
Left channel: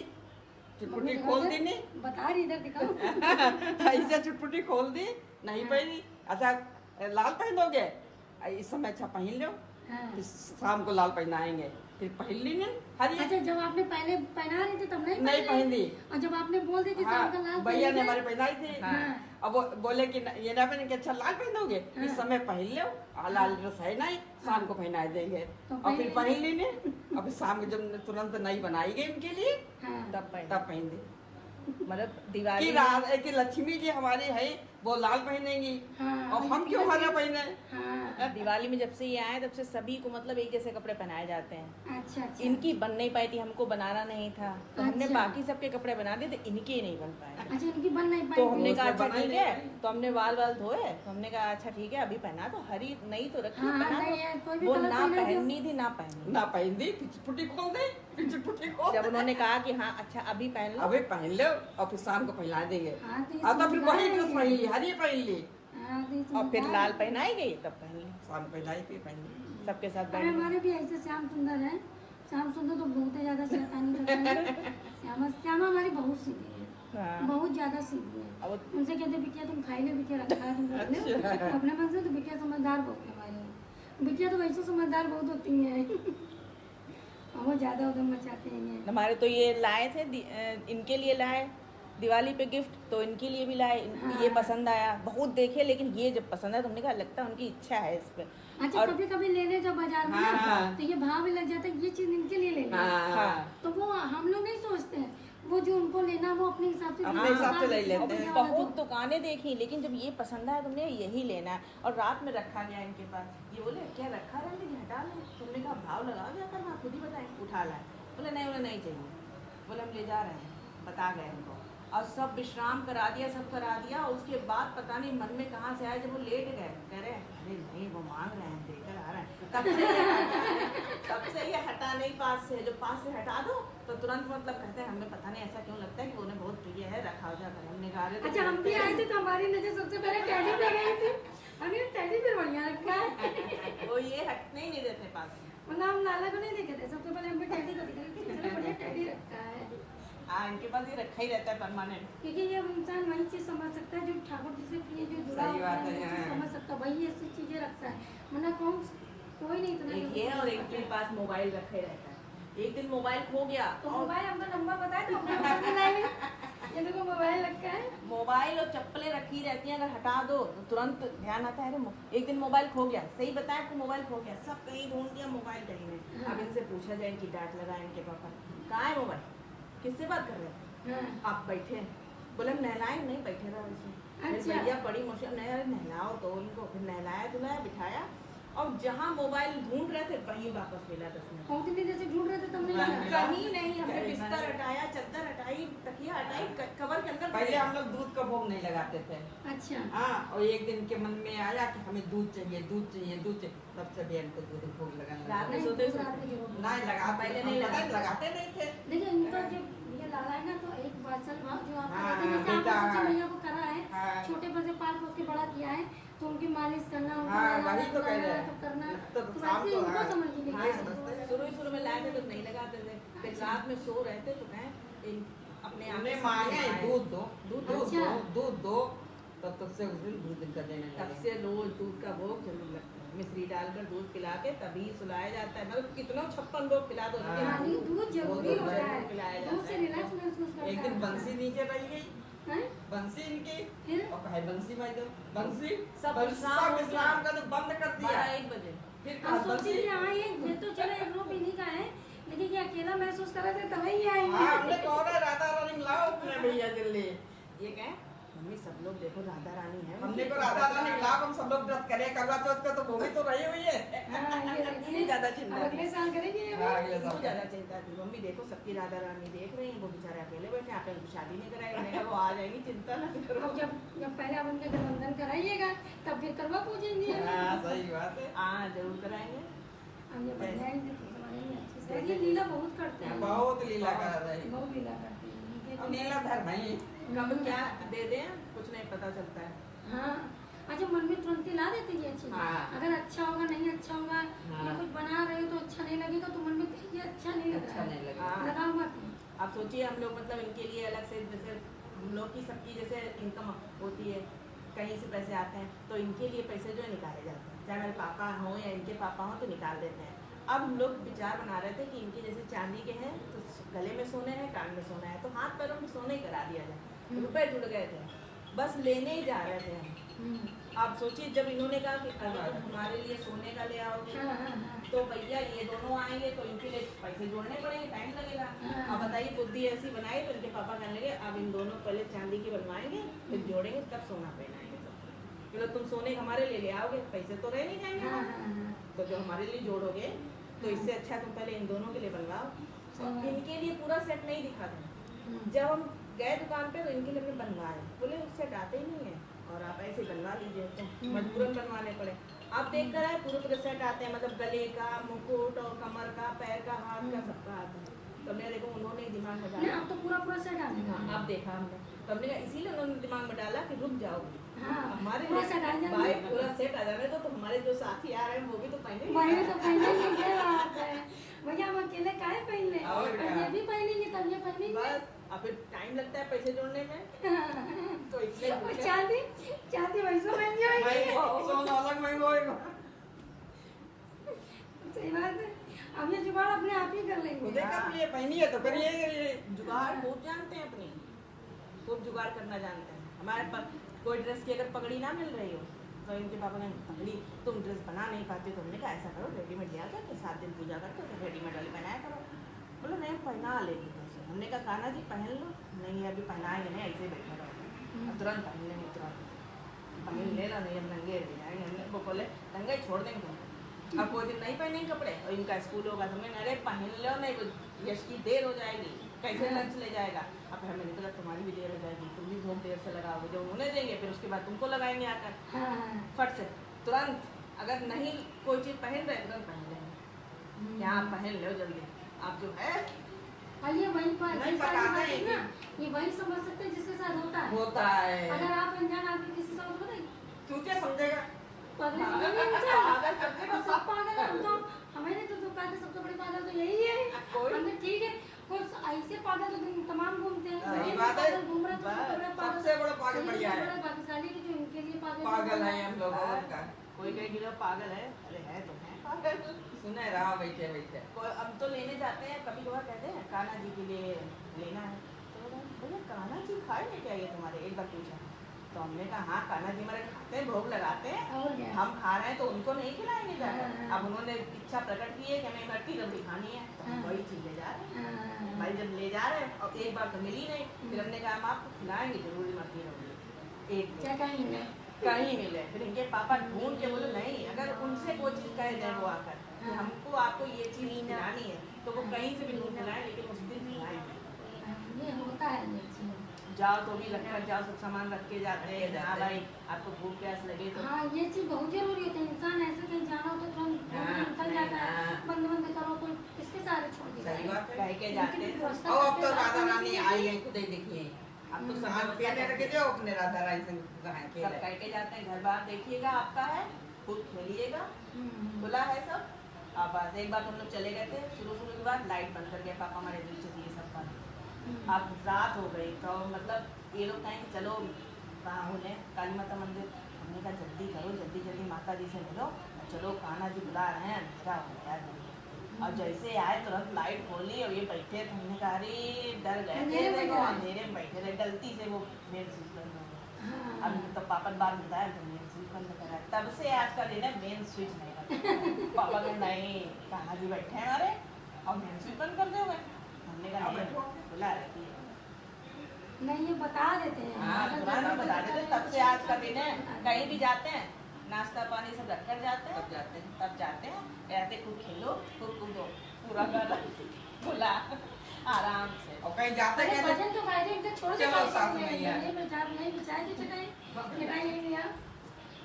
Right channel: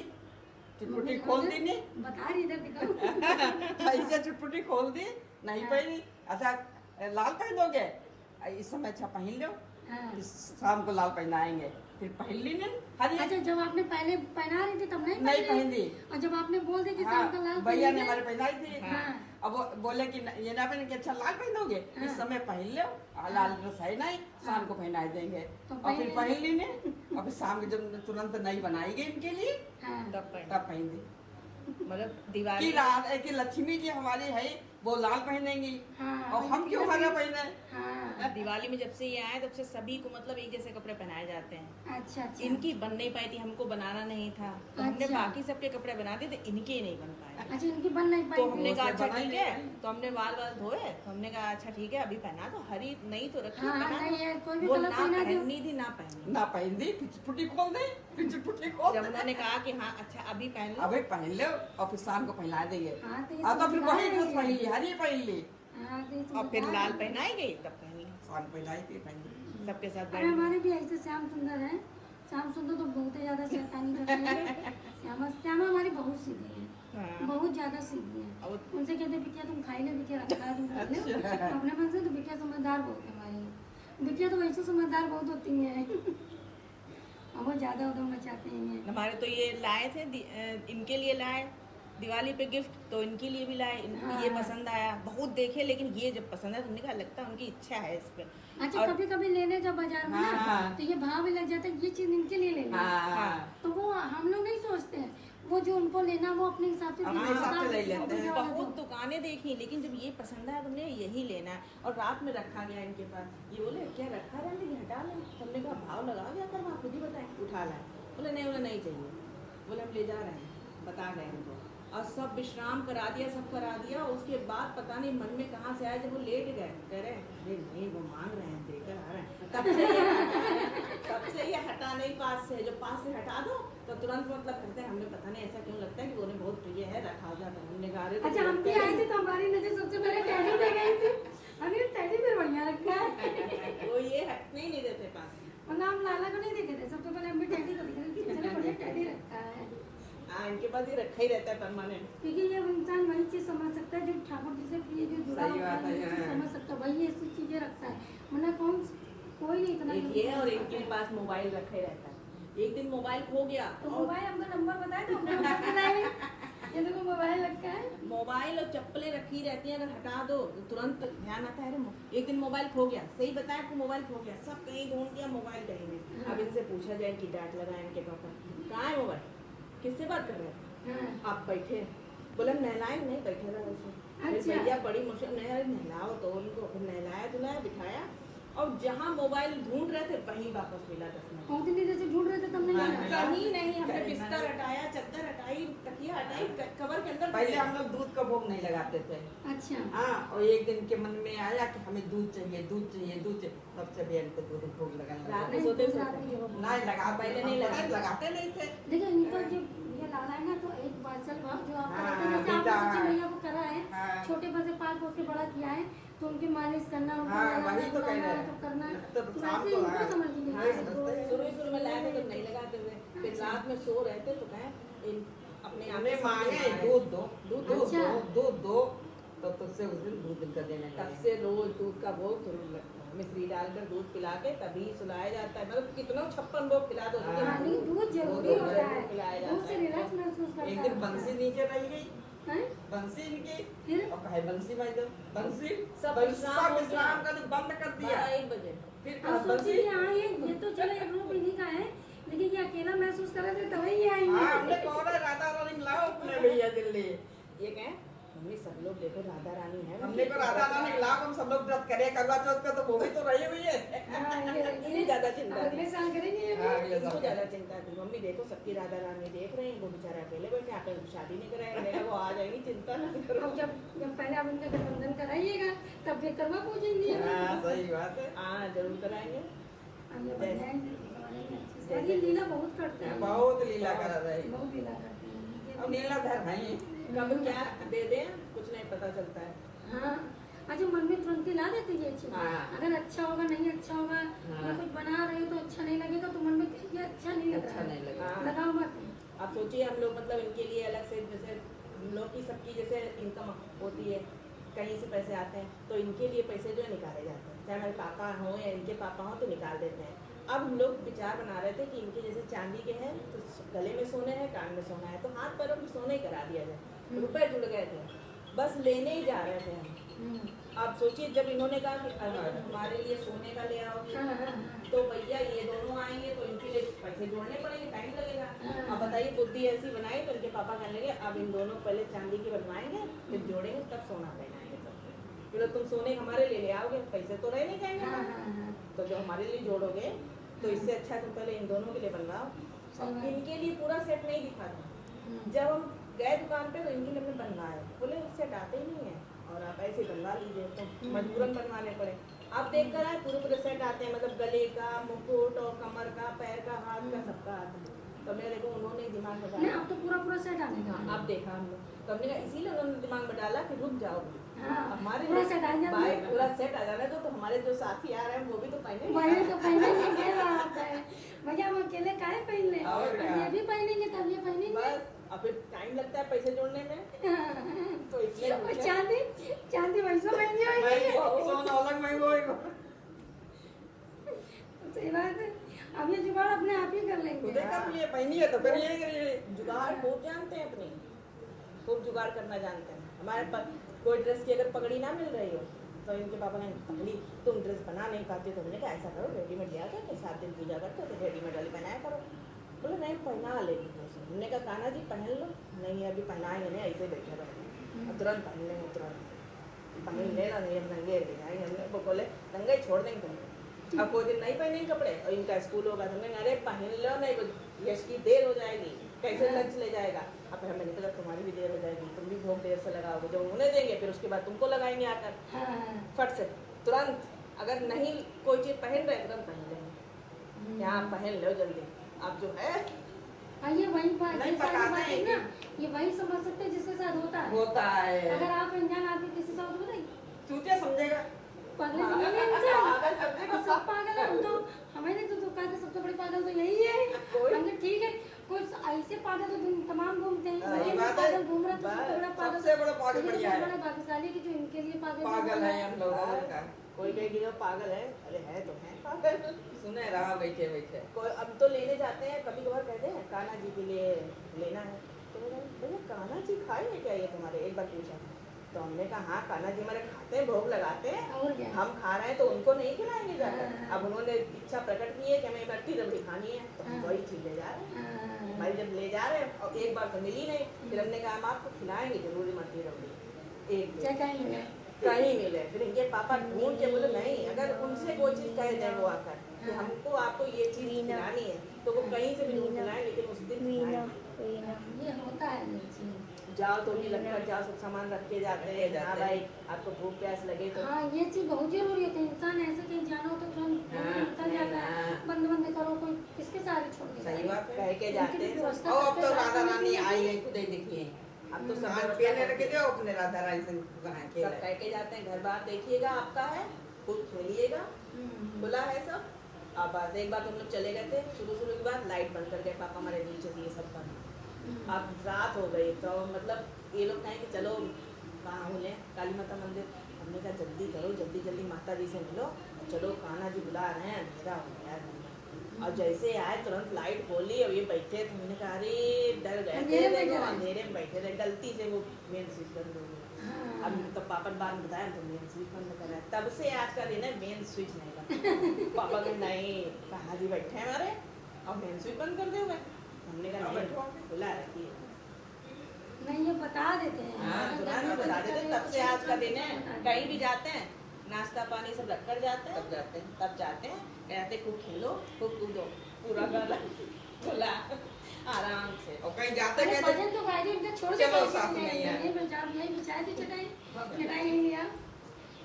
चुटपुटी खोल दी नहीं बता रही इधर दिखाओ। ऐसे चुटपुटी खोल दी नहीं पहनी। अच्छा लाल पहनोगे इस समय, अच्छा पहन लो, हाँ। फिर शाम को लाल पहनाएंगे, फिर पहन ली नहीं हरी। अच्छा जब आपने पहले पहना रही थी तब नहीं पहनी। और जब आपने बोल दी कि शाम का लाल भैया ने पहनेंगे, हमारे पहनाई थी। हाँ। अब वो बोले कि ये ना पहन के अच्छा लाल पहनोगे, इस समय पहन लो, लाल ड्रेस है नहीं, शाम को पहना देंगे। तो और फिर पहन ली नहीं, और फिर शाम को जब तुरंत नई बनाई गई इनके लिए हाँ। तब पहन, तब पहन दी। मतलब कि दिवाली रात कि लक्ष्मी जी हमारी है वो लाल पहनेंगी, हाँ, और हम क्यों हरा पहने। हाँ। दिवाली में जब से ये आए तब से सभी को मतलब एक जैसे कपड़े पहनाए जाते हैं। अच्छा अच्छा। इनकी बन नहीं पाई थी, हमको बनाना नहीं था, तो हमने अच्छा। बाकी सबके कपड़े बना दिए थे, इनके ही नहीं बन पाए। अच्छा इनकी बन नहीं पाई तो हमने थी। कहा अच्छा बनाई ठीक नहीं है, पाई। तो हमने बाल धोए, तो हमने कहा अच्छा ठीक है अभी पहना तो हरी नहीं तो रखी, हाँ, पहना नहीं, दो। ये कोई भी वो कलर ना पहना दो। पहननी थी ना पहनी। ना पहन दी, फिर चुटपुटी खोल दे, फिर चुटपुटी खोल जब दे। उन्होंने कहा कि हाँ अच्छा अभी पहन लो, अबे पहन लो और फिर शाम को पहना देंगे। हाँ, तो ये अब तो फिर समझदार वही है ड्रेस ये। पहन ली, हरी पहन ली, हाँ, तो ये और फिर समझदार लाल है। पहनाई गई तब पहन ली शाम पहनाई फिर पहन ली। सबके साथ अरे हमारे भी ऐसे श्याम सुंदर है। श्याम सुंदर तो बहुत ही ज्यादा शैतानी करते हैं। श्यामा श्यामा हमारी बहुत सीधी है, हाँ। बहुत ज्यादा सीधी है। अब उनसे कहते हैं बिटिया तुम खाई ले, बिटिया रखा है तुम कर लो अपने मन से। तो बिटिया समझदार बहुत है हमारी। बिटिया तो वैसे समझदार बहुत होती है। और वो ज्यादा उधम मचाते हैं ये। हमारे तो ये लाए थे इनके लिए लाए दिवाली पे गिफ्ट, तो इनके लिए भी लाए, इनको हाँ। ये पसंद आया, बहुत देखे लेकिन ये जब पसंद आया तो हमने कहा लगता है उनकी इच्छा है इस पे। अच्छा और- कभी कभी लेने जब बाजार में ना हाँ। तो ये भाव भी लग जाता है कि ये चीज इनके लिए लेना है। हाँ तो वो हम लोग नहीं सोचते हैं, वो जो उनको लेना वो अपने हिसाब से अपने हिसाब से ले लेते हैं। बहुत दुकानें देखी लेकिन जब ये पसंद आया तुमने यही लेना है, और रात में रखा गया इनके पास। ये बोले क्या रखा रहने दीजिए हटा लें, तुमने कहा भाव लगाओ जाकर वहाँ खुद ही बताएं, उठा लाए। बोले नहीं उन्हें नहीं चाहिए, बोले हम ले जा रहे हैं, बता गए उनको, और सब विश्राम करा दिया, सब करा दिया। और उसके बाद पता नहीं मन में कहाँ से आया, जब वो लेट गए कह रहे अरे नहीं वो मांग रहे हैं देकर आ रहे हैं, तब से ये हटा नहीं पास से, जो पास से हटा दो तो तुरंत मतलब कहते हैं हमें पता नहीं ऐसा क्यों लगता है कि वो उन्हें बहुत प्रिय है, रखा जाकर हमने कहा अरे अच्छा हम भी आए थे तो हमारी नजर सबसे पहले टैडी पे गई थी। अभी टैडी पे बढ़िया रखा है। वो ये हटने ही नहीं देते पास। मतलब हम लाला को नहीं देखे थे, सबसे पहले हम भी टैडी को दिख रहे थे, चलो बढ़िया टैडी रखा है। इनके पास ये रखा ही रहता है परमानेंट। क्योंकि ये इंसान वही चीज समझ सकता है जो ठाकुर जी से प्रिय जो जुड़ा सही होता बात है, है, वो चीज़ हाँ। समझ सकता है, वही ऐसी चीजें रखता है। वरना कोई नहीं इतना एक जल्दी ये समझ और एक पाता के है। पास मोबाइल रखा ही रहता है। एक दिन मोबाइल खो गया तो और मोबाइल हमको नंबर बताए तो हमने नंबर बनाए। ये देखो मोबाइल रखा है। मोबाइल और चप्पलें रखी रहती हैं, अगर हटा दो तो तुरंत ध्यान आता है अरे एक दिन मोबाइल खो गया, सही बताया आपको मोबाइल खो गया, सब कहीं ढूंढ दिया मोबाइल कहीं नहीं। अब इनसे पूछा जाए, इनकी डांट लगाए इनके पापा, कहाँ है मोबाइल, किससे बात कर रहे हैं हाँ। आप, बैठे बोले नहलाए नहीं, बैठे रहे वैसे। फिर अच्छा। भैया बड़ी मुश्किल नहीं नहलाओ तो उनको, फिर नहलाया धुलाया बिठाया, और जहाँ मोबाइल ढूंढ रहे थे वहीं वापस मिला 10 मिनट। बहुत दिन जैसे ढूंढ रहे थे तुमने हाँ। लगा। कहीं नहीं, हमने बिस्तर हटाया, चादर हटाई, तकिया हटाई, कवर के अंदर पहले हम लोग दूध का भोग नहीं लगाते थे। अच्छा हाँ, और एक दिन के मन में आया कि हमें दूध चाहिए दूध चाहिए दूध चाहिए, तब से बहन को दूध भोग लगाने रात लगा। में नहीं, सोते दूध रात सोते में जरूर नहीं लगा, पहले हम नहीं पता लगाते। लगाते नहीं थे। देखिए इनका जो ये लाला है ना, तो एक वात्सल भाव जो आप हाँ, कहते हैं, जैसे बेटा, आपने सचिन हाँ। भैया को करा है, हाँ। छोटे पर से पाल पोस के बड़ा किया है, तो उनकी मालिश करना, उनको हाँ, नहलाना, वही तो कह धुलाना, रहे हैं। सब करना, तो तो शाम वैसे को इनको हाँ, समझ लीजिए। नहीं समझते। शुरू में लाए थे तो नहीं लगाते थे, फिर रात में सो रहे थे तो कहें इन अपने आप उन्हें से मांगे समझ में दूध दो दूध दूध अच्छा। दो दूध दो, तो तब से उस दिन दूध का देने तब लगे। से रोज दूध का भोग जरूर लगता है, मिश्री डालकर दूध पिला के तभी सुलाया जाता है। मतलब कितना 56 भोग पिला दो, लेकिन हाँ, नहीं, दूध जरूरी दूध होता पिलाया है, जाता दूध से है। रिलैक्स महसूस करता है। एक दिन बंसी नीचे रह गई, हैं? बंसी इनकी, फिर और कहे बंसी भाई दो बंसी, सब सब विश्राम का तो बंद कर दिया। 12-1 बजे फिर अब कहा सोचिए बंसी, कि हाँ ये तो चलो एक रूप इन्हीं का है, लेकिन ये अकेला महसूस कर रहे थे तभी ये आई हाँ, है। हमने कहा राधा रानी लाओ अपने भैया दिल्ली। ये कहें मम्मी सब लोग देखो राधा रानी है, हमने को राधा रानी लाओ, हम सब लोग व्रत करें, करवा चौथ का तो वो भी तो रही हुई है। हाँ, इन्हें ज्यादा चिंता अब अगले थी। साल करेंगे ये हाँ, बात। अगले इनको साल ज्यादा चिंता थी, मम्मी देखो सबकी राधा रानी देख रहे हैं, वो बेचारे अकेले बैठे, आप इनकी शादी नहीं कराएंगे, मैंने कहा, वो आ जाएगी, चिंता ना करो। अब जब पहले आप उनका गठबंधन कराइएगा तब फिर करवा पूजेंगे। हाँ, सही बात है। हाँ जरूर कराएंगे। अब ये बनाएंगे तो समझेंगे अच्छे से। और ये लीला बहुत करते हैं, बहुत लीला कर रही, बहुत लीला करते हैं। अब लीलाधर है। कब क्या दे दें कुछ नहीं पता चलता है। हाँ, अच्छा मन में तुरंत ही ला देते ये चीज। हाँ। अगर अच्छा होगा नहीं अच्छा होगा, हाँ। या कुछ बना रहे हो तो अच्छा नहीं लगेगा, तो मन में ये अच्छा नहीं लग अच्छा रहा नहीं है, लगेगा। हाँ। लगा हुआ था। आप सोचिए हम लोग मतलब इनके लिए अलग से, जैसे हम लोग की सबकी जैसे इनकम होती है, कहीं से पैसे आते हैं, तो इनके लिए पैसे जो है निकाले जाते हैं, चाहे मेरे पापा हों या इनके पापा हों तो निकाल देते हैं। अब हम लोग विचार बना रहे थे कि इनके जैसे चांदी के हैं तो गले में सोने हैं, कान में सोना है, तो हाथ पैरों में सोने ही करा दिया जाए। रुपए जुड़ गए थे, बस लेने ही जा रहे थे हम। आप सोचिए जब इन्होंने कहा कि हमारे लिए सोने का ले आओ, तो भैया ये दोनों आएंगे तो इनके लिए पैसे जोड़ने पड़ेंगे, टाइम लगेगा। अब बताइए बुद्धि ऐसी बनाई तो इनके पापा कहने लगे अब इन दोनों पहले चांदी की बनवाएंगे, फिर जोड़ेंगे, तब सोना पहनाएंगे सबको। फिर तुम सोने हमारे लिए ले आओगे, पैसे तो रह नहीं जाएंगे, तो जो हमारे लिए जोड़ोगे तो इससे अच्छा तुम पहले इन दोनों के लिए बनवाओ। इनके लिए पूरा सेट नहीं दिखा था। जब हम गए दुकान पे तो इनके लिए हमने बनवाए, बोले सेट आते ही नहीं है और आप ऐसे बनवा लीजिए, तो मजबूरन बनवाने पड़े। आप देख कर आए पूरे पूरे सेट आते हैं, मतलब गले का, मुकुट और कमर का, पैर का, हाथ का, सबका आता है। तो हमने देखो उन्होंने दिमाग में डाला, अब तो पूरा सेट आने लगा। आप देखा हमने, तो हमने कहा इसीलिए उन्होंने दिमाग में डाला कि रुक जाओ, हमारे पूरा सेट आ जाए, भाई पूरा सेट आ जाने तो हमारे जो साथी आ रहे हैं वो भी तो पहने, वही तो पहनेंगे, क्या बात है भैया, हम अकेले काहे पहने, और क्या? ये भी पहनेंगे तब ये पहनेंगे। बस अब फिर टाइम लगता है पैसे जोड़ने में, तो इसलिए और चांदी वैसा महंगी होगी। सोना अलग महंगा होएगा। सही बात है, अब ये जुगाड़ अपने आप ही कर लेंगे। खुदे कर लिए, पहनी है तो करिए। जुगाड़ खूब जानते हैं, अपनी खूब जुगाड़ करना जानते हैं। हमारे पास कोई ड्रेस की अगर पगड़ी ना मिल रही हो तो इनके पापा ने पगड़ी तुम ड्रेस बना नहीं पाते, तो हमने कहा ऐसा करो रेडीमेड ले आते, 7 दिन पूजा करते तो रेडीमेड वाली बनाया करो। बोले नहीं पहना लेगी ड्रेस। हमने कहा कान्हा जी पहन लो, नहीं अभी पहनाएंगे नहीं, ऐसे बैठा रहो, तुरंत पहन लेंगे, तुरंत पहन ले ला, नहीं हम नंगे रह जाएंगे। हमने वो बोले नंगे छोड़ देंगे तुम, अब कोई दिन नहीं पहनेंगे कपड़े और इनका स्कूल होगा, हमने अरे पहन लो, नहीं यश की देर हो जाएगी, कैसे लंच ले जाएगा। अब फिर मैंने कहा तुम्हारी भी देर हो जाएगी, तुम भी बहुत देर से लगाओगे, जब उन्हें देंगे फिर उसके बाद तुमको लगाएंगे आकर। फट से तुरंत, अगर नहीं कोई चीज पहन रहे तुरंत पहन लेंगे, यहाँ पहन लो जल्दी। अब जो है ये वही बात नहीं ये सारी पकाते बात है हैं ना, ये वही समझ सकते हैं जिसके साथ होता है। है अगर आप अनजान आदमी किसी के साथ होता है, चूतिया समझेगा। पागल समझेंगे इंसान, सब पागल है। हम तो हमें नहीं तो कहते सबसे बड़े पागल तो यही है। हमने ठीक है, कोई ऐसे पागल तो तमाम घूमते हैं, सही ये बात है। पागल घूम रहे तो सबसे बड़ा पागल, सबसे बड़ा पागल लेकिन बढ़िया सबसे है। बड़ा भाग्यशाली कि जो इनके लिए पागल है हम लोग और का। कोई कहेगा पागल है, अरे है तो है पागल। सुने रहा बैठे बैठे। अब तो लेने जाते हैं, कभी कभार कहते हैं कान्हा जी के लिए लेना है, तो बोले कान्हा जी खाएंगे क्या ये तुम्हारे, एक बार पूछा। तो हमने कहा हाँ कान्हा जी हमारे खाते हैं, भोग लगाते हैं, और क्या? हम खा रहे हैं तो उनको नहीं खिलाएंगे जाकर। अब उन्होंने इच्छा प्रकट की है कि हमें इकट्ठी जल्दी खानी है, तो हम वही चीज ले जा रहे हैं। भाई जब ले जा रहे हैं और एक बार तो मिली नहीं, फिर हमने कहा हम आपको खिलाएंगे जरूर, मत ही एक क्या कहेंगे? कहीं मिले। फिर इनके पापा ढूंढ के बोले नहीं, अगर उनसे कोई चीज कहे जाए वो आकर कि हमको आपको ये चीज खिलानी है, तो वो कहीं से भी खिलाएं, लेकिन उस दिन खिलाएं। ये होता है ये चीज। जाओ तो भी रखकर जाओ, सब सामान रख के जाते हैं। हाँ भाई आपको भूख प्यास लगे तो हाँ ये चीज बहुत जरूरी है। इंसान ऐसे कहीं जाना हो तो निकल जाता है, बंद करो, कोई किसके सारे छोड़ देगा। सही बात कह के जाते हैं। और अब तो राधा रानी आई है, खुद ही दिखी है। अब तो सामान सब पहने रखे जाओ अपने राधा रानी से कहाँ सब खेले। कह के जाते हैं, घर बार देखिएगा आपका है, खुद खेलिएगा, खुला है सब। अब बस एक बार हम लोग चले गए थे, शुरू की बात लाइट बंद कर गया पापा हमारे नीचे से ये सब बंद। अब रात हो गई तो मतलब ये लोग कहें कि चलो कहाँ होने काली माता मंदिर। हमने कहा जल्दी करो, जल्दी जल्दी माता जी से मिलो, चलो कान्हा जी बुला रहे हैं, अंधेरा हो गया। और जैसे आए तुरंत लाइट खोली और ये बैठे थे, हमने कहा अरे डर गए थे, अंधेरे में बैठे थे, गलती से वो मेन स्विच बंद हो गया। अब तो पापा ने बाद बताया तो मेन स्विच बंद करा, तब से आज का दिन है मेन स्विच नहीं बंद। पापा ने नहीं, कान्हा जी बैठे हैं हमारे और मेन स्विच बंद कर दोगे। हमने कहा बैठो, खुला रहती है। नहीं ये बता देते हैं। हाँ तुरंत बता देते, तब से आज का दिन है। कहीं भी जाते हैं नाश्ता पानी सब रख कर जाते हैं, तब जाते हैं, कहते खूब खेलो, खूब कूदो, पूरा गला खुला आराम से। और कहीं जाते अरे कहते भजन तो गाड़ी एकदम छोड़ के चलो जाते साथ में हैं। यार। ये बिछा दी चटाई, चटाई नहीं यार,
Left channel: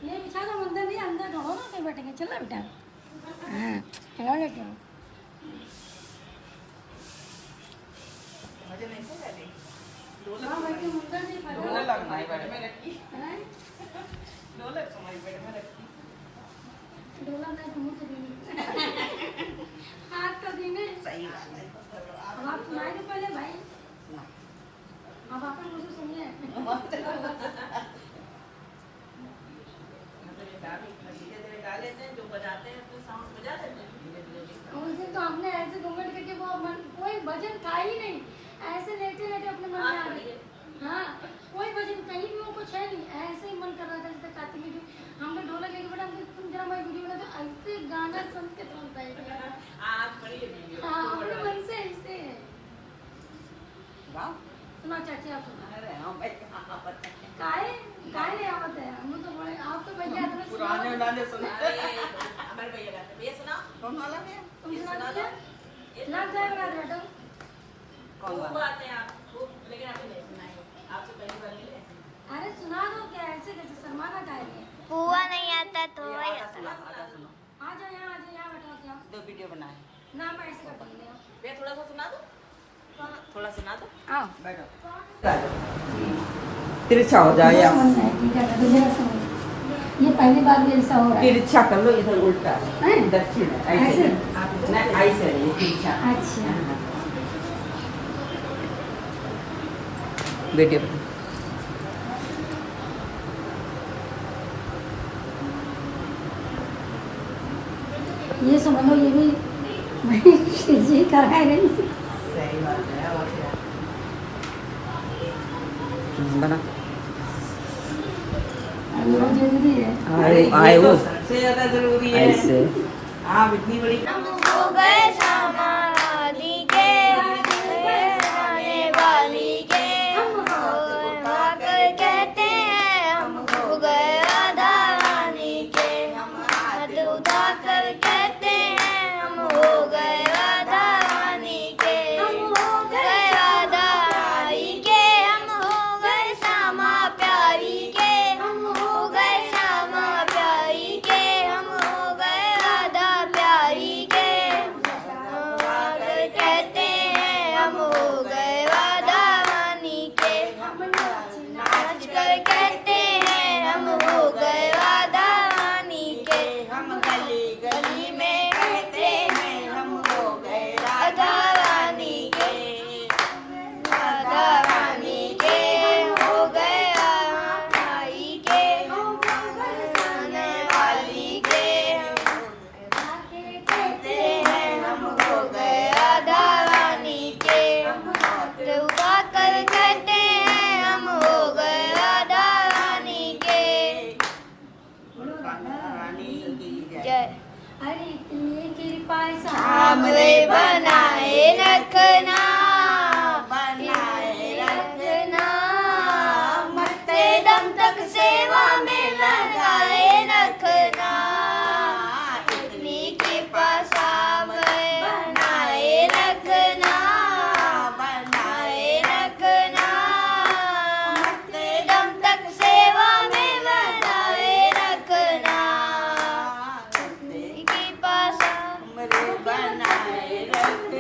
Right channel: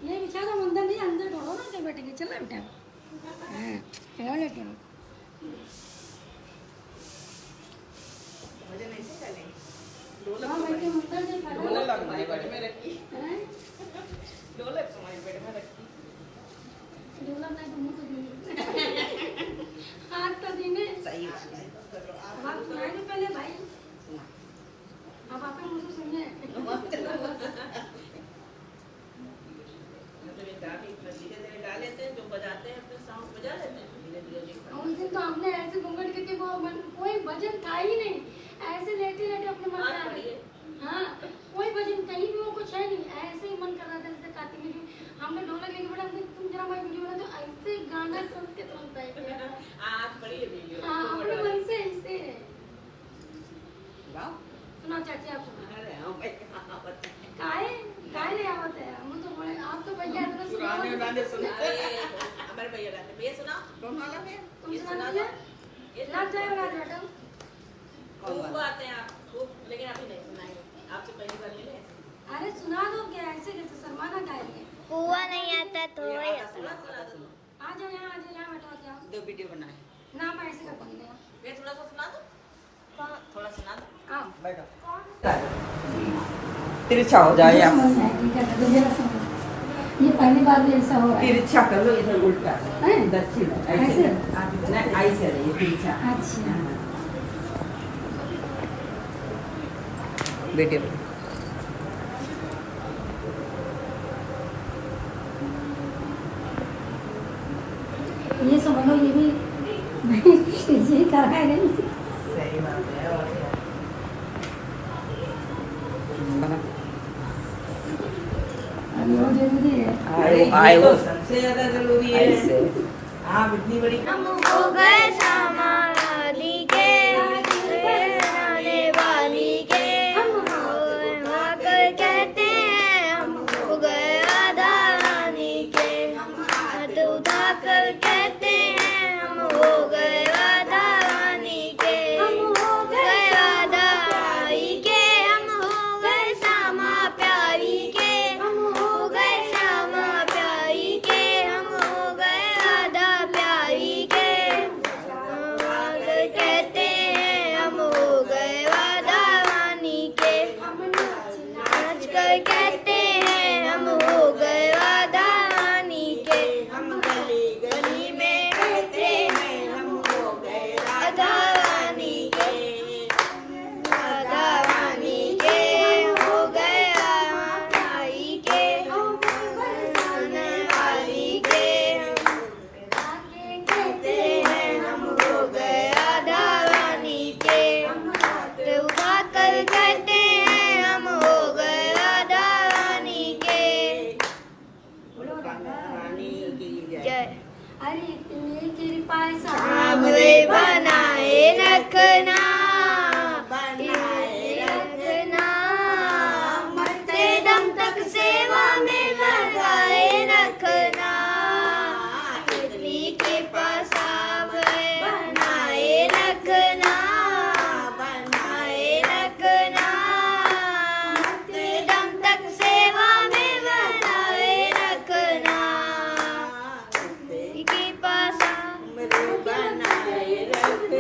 ये बिछा दो, अंदर नहीं, अंदर ढोलो ना, कहीं बैठेंगे। चलो बेटा, हाँ बेटा, भजन ऐसे चले। हाँ बैठे मंदिर नहीं खा ढोलक हमारी पेट में रखी, हैं? ढोलक हमारी पेट में रखी। ढोला नहीं तो मुँह तो दीने, हाथ तो दीने। सही बात है। अब आप सुनाए तो पहले भाई। लेते हैं, जो बजाते हैं तो साउंड बजा लेते हैं धीरे धीरे। उस दिन तो हमने ऐसे घूंघट करके वो कोई भजन था ही नहीं, ऐसे लेटे लेटे अपने मन में आ गए। हाँ, कोई भजन कहीं भी वो कुछ है नहीं, ऐसे ही मन कर रहा था जैसे कार्तिक में जो हमने ढोलक लेके बैठा, हमने तुम जरा मैं वीडियो बना, तो ऐसे गाना सुन के तुरंत बैठ गया। आज बड़ी है वीडियो। हाँ, अपने मन से ऐसे गाओ। सुना चाची, आप सुना। अरे हाँ भाई, हाँ बताएं। काहे काहे नहीं आवत है, हम तो बोले आप तो भैया तो पुराने उन्होंने सुना। अरे हमारे भैया रहते हैं, ये सुना कौन वाला है? तुम ये सुना सुना दो ये लग जाएगा बेटा। खूब आते हैं आप खूब, लेकिन अभी नहीं सुनाएंगे, आपसे पहली बार मिले हैं। अरे सुना दो, क्या ऐसे कैसे शर्माना गाएंगे। पुआ नहीं आता तो ये वही आधा आता। सुना, आधा सुना। आ जाओ यहाँ, आ जाओ यहाँ, बैठो क्या दो वीडियो बनाए। ना आप ऐसे कर बोले हो। मैं थोड़ा सा सुना दूं, थोड़ा सुना दो। आओ बैठो। तिरछा हो जाओ मुझे या समझ में आया, ठीक है, मैं तुझे समझ। ये पहली बार भी ऐसा हो रहा है। तिरछा कर लो, इधर उल्टा हैं? दक्षिण ऐसे? नहीं, ऐसे रहिए तिरछा। अच्छा वीडियो ये समझ लो, ये भी जी कराए नहीं। सही बात है। और क्या बना। अभी वो जरूरी है। अरे ये तो सबसे ज्यादा जरूरी है। आप इतनी बड़ी हो गए समाधि के आने वाली के, हम वाकर कहते हैं हम हो गए राधा रानी के, हम हाथ उठाकर कहते हैं हम हो गए राधा रानी के, हम हो गए राधा रानी के, हम हो गए श्यामा प्यारी के, हम हो गए श्यामा प्यारी के, हम हो गए राधा प्यारी के, हम वाकर कहते हैं हम हो गए राधा रानी के, हम नाच कर कहते हैं हम हो गए राधा रानी के, हम गली गली में कहते हैं हम हो गए राधा रानी के, राधा रानी के हो गए रानी के, हो गए आने वाली के, कहते हैं हम हो गए राधा रानी के, हम हाथ उठाकर कहते हैं हम हो गए राधा रानी के। बोलो राधा रानी की जय। जय। अरे इतनी कृपा सामने बनाए रखना, बनाए रखना, मरते दम तक सेवा में लगाए रखना, इतनी कृपा सामने बनाए रखना, बनाए रखना, मरते दम तक सेवा में बनाए रखना, कृपा सामने बनाए रखना।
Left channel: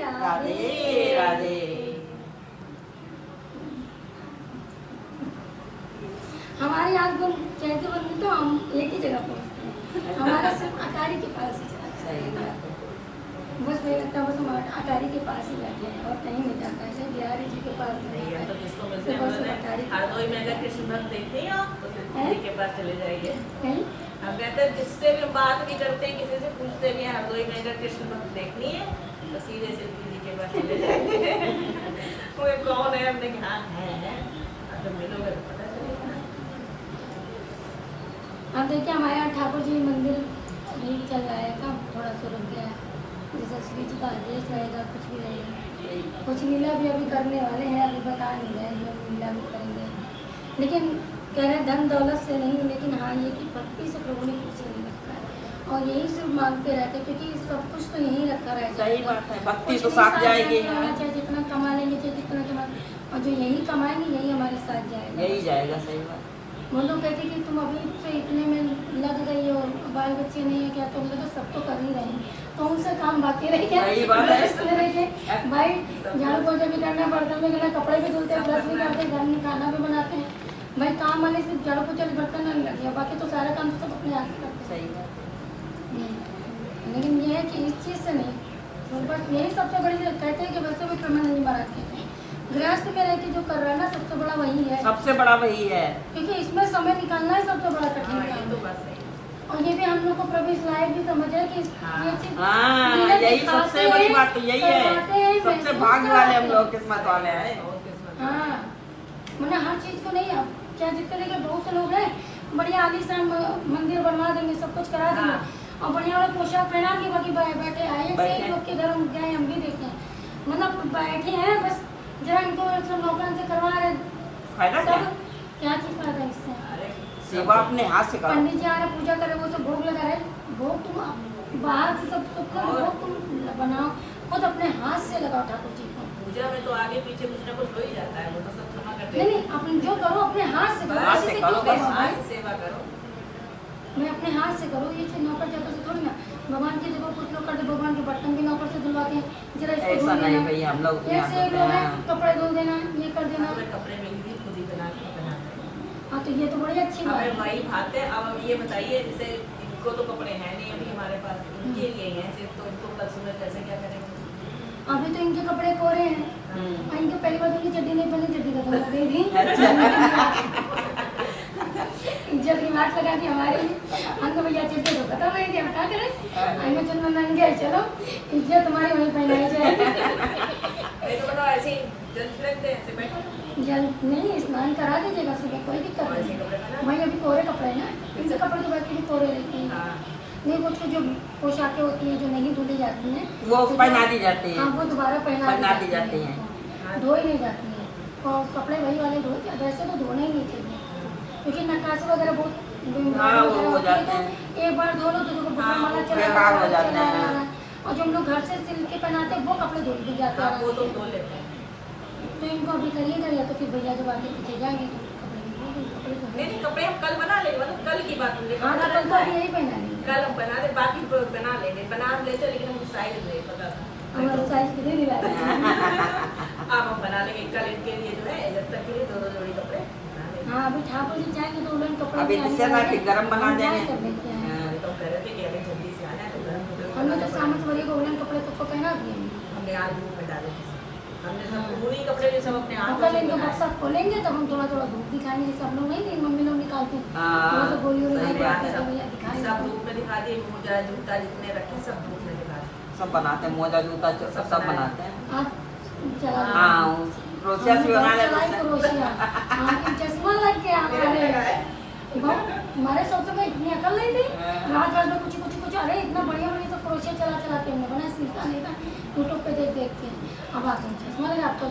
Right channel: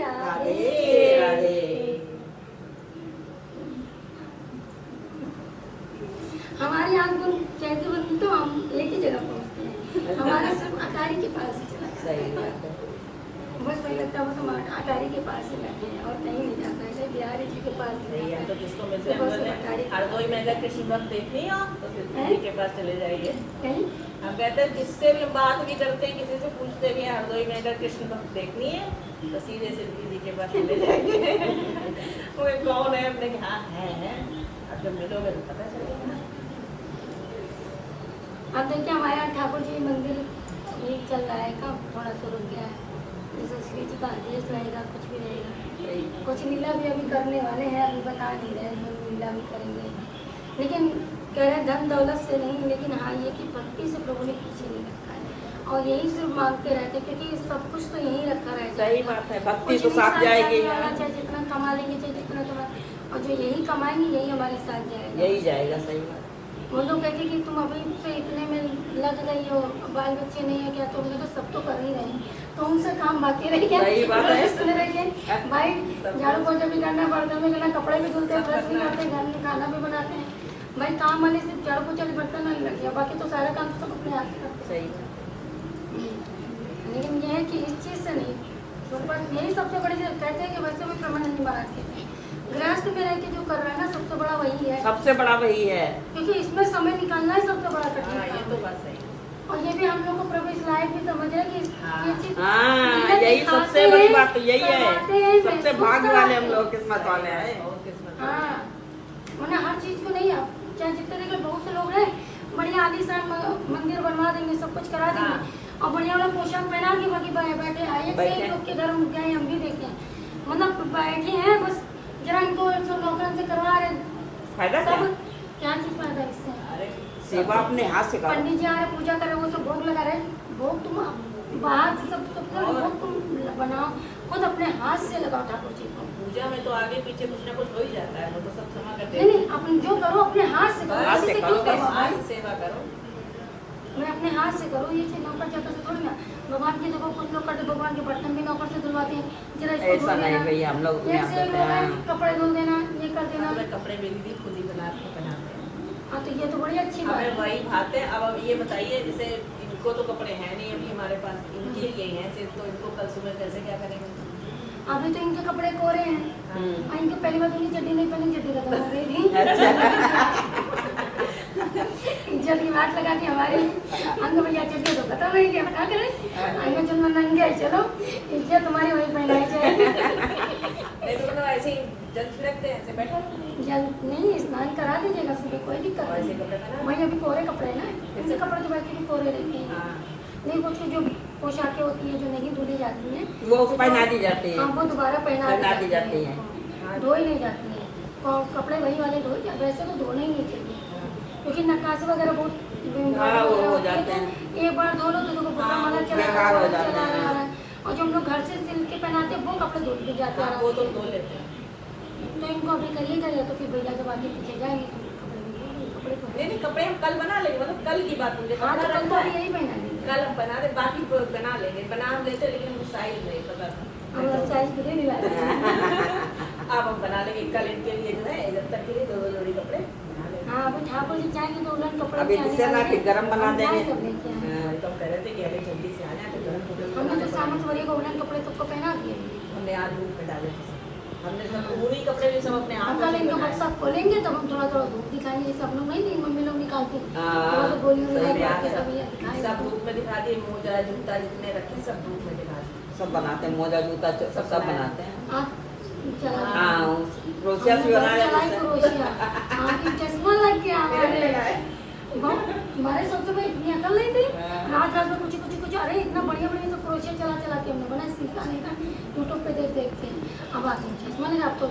राधे। राधे राधे। हमारी आंख बंद कैसे बंद तो हम एक ही जगह पहुंचते हैं, हमारा सब अटारी के पास ही चला जाता सही है। बात है। बस वही लगता है बस हम अटारी के पास ही रहते हैं और कहीं नहीं जाता है, जैसे बिहारी जी के पास नहीं नहीं, हम जाता तो है। किसको मिलते हैं, बस बोलते अटारी हैं हरदोई में अगर कृष्ण भक्त देखते हो तो फिर हैं? दीदी के पास चले जाइए। कहीं हम कहते हैं जिससे भी हम बात भी करते हैं, किसी से पूछते भी हैं हरदोई में अगर कृष्ण भक्त देखनी है तो सीधे से दीदी के पास चले जाइए। वो कौन है, हमने कहा है, अब जब मिलोगे तो पता चलेगा। अब देखिए हमारे यहाँ ठाकुर जी मंदिर नहीं चल रहा है, कब थोड़ा सा रुक गया है, जैसे श्री जी का आदेश रहेगा कुछ भी रहेगा। कुछ लीला भी अभी करने वाले हैं, अभी बता नहीं रहे हैं, लीला भी करेंगे, लेकिन कह रहे हैं धन दौलत से नहीं, लेकिन हाँ ये कि भक्ति से प्रभु ने पीछे नहीं रखा है और यही सिर्फ मांगते रहते हैं, क्योंकि सब कुछ तो यही रखा रहेगा। सही बात है, भक्ति कुछ तो नहीं साथ जाएगी। चाहे जितना कमा लेंगे, चाहे जितना कमा, और जो यही कमाएंगे यही हमारे साथ जाएगा। यही जाएगा। सही बात। वो लोग कहते कि तुम अभी से इतने में लग गई हो, बाल बच्चे नहीं है क्या, तो उनके तो सब तो कर ही रहे हैं, तो उनसे काम बाकी रह गया। सही बात है। रेस्ट में रह गए भाई, झाड़ू पोछा भी करना पड़ता है, लेकिन कपड़े भी धुलते हैं, ब्रश भी करते हैं, घर में खाना भी बनाते हैं भाई। काम वाले सिर्फ झाड़ू पोछा बर्तन नहीं लग गया, बाकी तो सारा काम तो सब अपने हाथ से करते सही बात हैं। लेकिन ये है कि इस चीज़ से नहीं, तो बस यही सबसे बड़ी चीज़ कहते हैं कि वैसे भी प्रेमानंद जी महाराज कहते हैं गृहस्थ पे रह के जो कर रहा है ना सबसे बड़ा वही है, सबसे बड़ा वही है, क्योंकि इसमें समय निकालना है सबसे बड़ा कठिन हाँ, ये काम तो है। बात सही है। और ये भी हम लोग को प्रभु इस लायक भी समझ है कि हाँ। ये चीज हाँ मेहनत यही दिखाते सबसे बड़ी हैं, बात तो यही करवाते है, हैं, सबसे महसूस भाग्य वाले हम कराते लोग, हैं। किस्मत वाले हैं। और किस्मत। हाँ मैंने हर चीज को नहीं, आप चाहे जितने के बहुत से लोग हैं बढ़िया आलीशान मंदिर बनवा देंगे, सब कुछ करा देंगे हाँ। और बढ़िया वाला पोशाक पहना के बाकी बैठे आए बैठे। लोग के घर हम गए, हम भी देखे, मतलब बैठे हैं बस जरा इनको नौकरन से करवा रहे फायदा सब, क्या? क्या चीज फायदा इससे? अरे सेवा अपने हाथ से करो। पंडित जी आ रहे पूजा करे, वो सब भोग लगा रहे, भोग तुम बाहर से सब भोग तुम बनाओ, खुद अपने हाथ से लगाओ ठाकुर जी को। पूजा में तो आगे पीछे कुछ ना कुछ हो ही जाता है, वो तो सब क्षमा करते नहीं नहीं, अपन जो करो अपने हाथ से करो, हाथ किसी से से करो, क्यों बस करवाओ? आज सेवा करो। मैं अपने हाथ से करूँ, ये चीज नौकर चाकर से थोड़ी ना। भगवान की देखो कुछ लोग करते, भगवान के बर्तन भी नौकर से धुलवाते हैं, जरा इसको ऐसा धुल नहीं देना, भैया, हम लोग ऐसे ही लोग हैं, कपड़े धुल देना, ये कर देना। हमें कपड़े मेरी दी खुद ही बनाते हैं। हाँ तो ये तो बड़ी अच्छी बात हमें है। वही भाते हैं। अब ये बताइए, जैसे इनको तो कपड़े हैं नहीं अभी हमारे पास, इनके लिए हैं सिर्फ, तो इनको कल सुबह कैसे क्या करेंगे? अभी तो इनके कपड़े कोरे हैं हम्म। और इनके पहली बार उनकी चड्डी नहीं पहनी, चड्डी का धोना दे दी। इज्जत की बात लगा के हमारी अंग भैया चड्डी तो खत्म है, क्या क्या करें, अंग चुन नंगे चलो, इज्जत तुम्हारी वहीं पहनाई जाएगी। नहीं तो मतलब ऐसे ही जल छिड़कते हैं, ऐसे बैठा जल नहीं, स्नान करा दीजिएगा सुबह, कोई दिक्कत ऐसे नहीं। कपड़े पहना। वही अभी कोरे कपड़े हैं ना, इनके कपड़े तो वैसे भी कोरे रहते हैं। हाँ। नहीं कुछ कुछ जो पोशाकें होती हैं जो नहीं धुली जाती हैं, वो तो पहना जो- दी जाती हैं। हाँ वो दोबारा पहना दी जाती हैं। हाँ। धोई नहीं जाती हैं, और कपड़े वही वाले धो, वैसे तो धोना ही नहीं चाहिए, क्योंकि नक्काशी वगैरह बहुत हाँ, वो हो होती है, जाते तो एक बार धो लो तो देखो हाँ, माला वो चला बेकार हो जाते चला हैं। रहा है। और जो हम लोग घर से सिल के पहनाते हैं वो कपड़े धुल भी जाते हैं हाँ, वो आराम तो से। धो लेते हैं। तो इनको अभी करिएगा, या तो फिर भैया जब आगे पीछे जाएंगे तो कपड़े भी धोएंगे, कपड़े तो नहीं नहीं, कपड़े हम कल बना लेंगे, मतलब कल की बात मुझे हाँ तो पता कल तो रहता अभी है। यही पहना लेंगे, कल हम बना दे, बाकी बना लेंगे, बना लेते, लेकिन हमको साइज नहीं पता था। हमारा साइज भी नहीं लाया। अब हम बना लेंगे कल इनके लिए, जो है जब तक के लिए 2-2 जोड़ी कपड़े बना लेंगे। हाँ अभी ठाकुर जी जाएंगे तो उलन कपड़े अभी भी आने जिससे ना वाले कि हैं। गरम बना हम देंगे। जाए तो लेके आए। हाँ। तो हम कह रहे थे कि अभी जल्दी से आना है तो गर्म कपड़े हमने बनाना तो सामंत पड़ेगा। वरी को उलन कपड़े सबको पहना दिए। हमने आज धूप में डाले थे, हमने सब पूरी कपड़े भी सब अपने हम हाथ कल से इनका बनाए। बक्सा खोलेंगे तब हम थोड़ा थोड़ा धूप दिखाएंगे, जैसे हम लोग नहीं नहीं मम्मी लोग निकालते हैं। हाँ, थोड़ा सा गोली सही उड़ा में आज के सब सब ये दिखाएंगे। सब धूप में दिखा दिए, मोजा जूता जितने रखे सब धूप में दिखा दिए। सब बनाते हैं, मोजा जूता सब बनाते हैं। आज चला हाँ क्रोशिया से बना लेते हैं। क्रोशिया, हाँ कि चश्मा लग गया हमारे। हमारे सबसे में इतनी अकल नहीं थी, रात रात में कुछ अरे इतना बढ़िया बढ़िया सब क्रोशिया चला के हमने बनाया, सीखा नहीं था यूट्यूब पे देख के। अब आते हैं चश्मा लगा, अब तो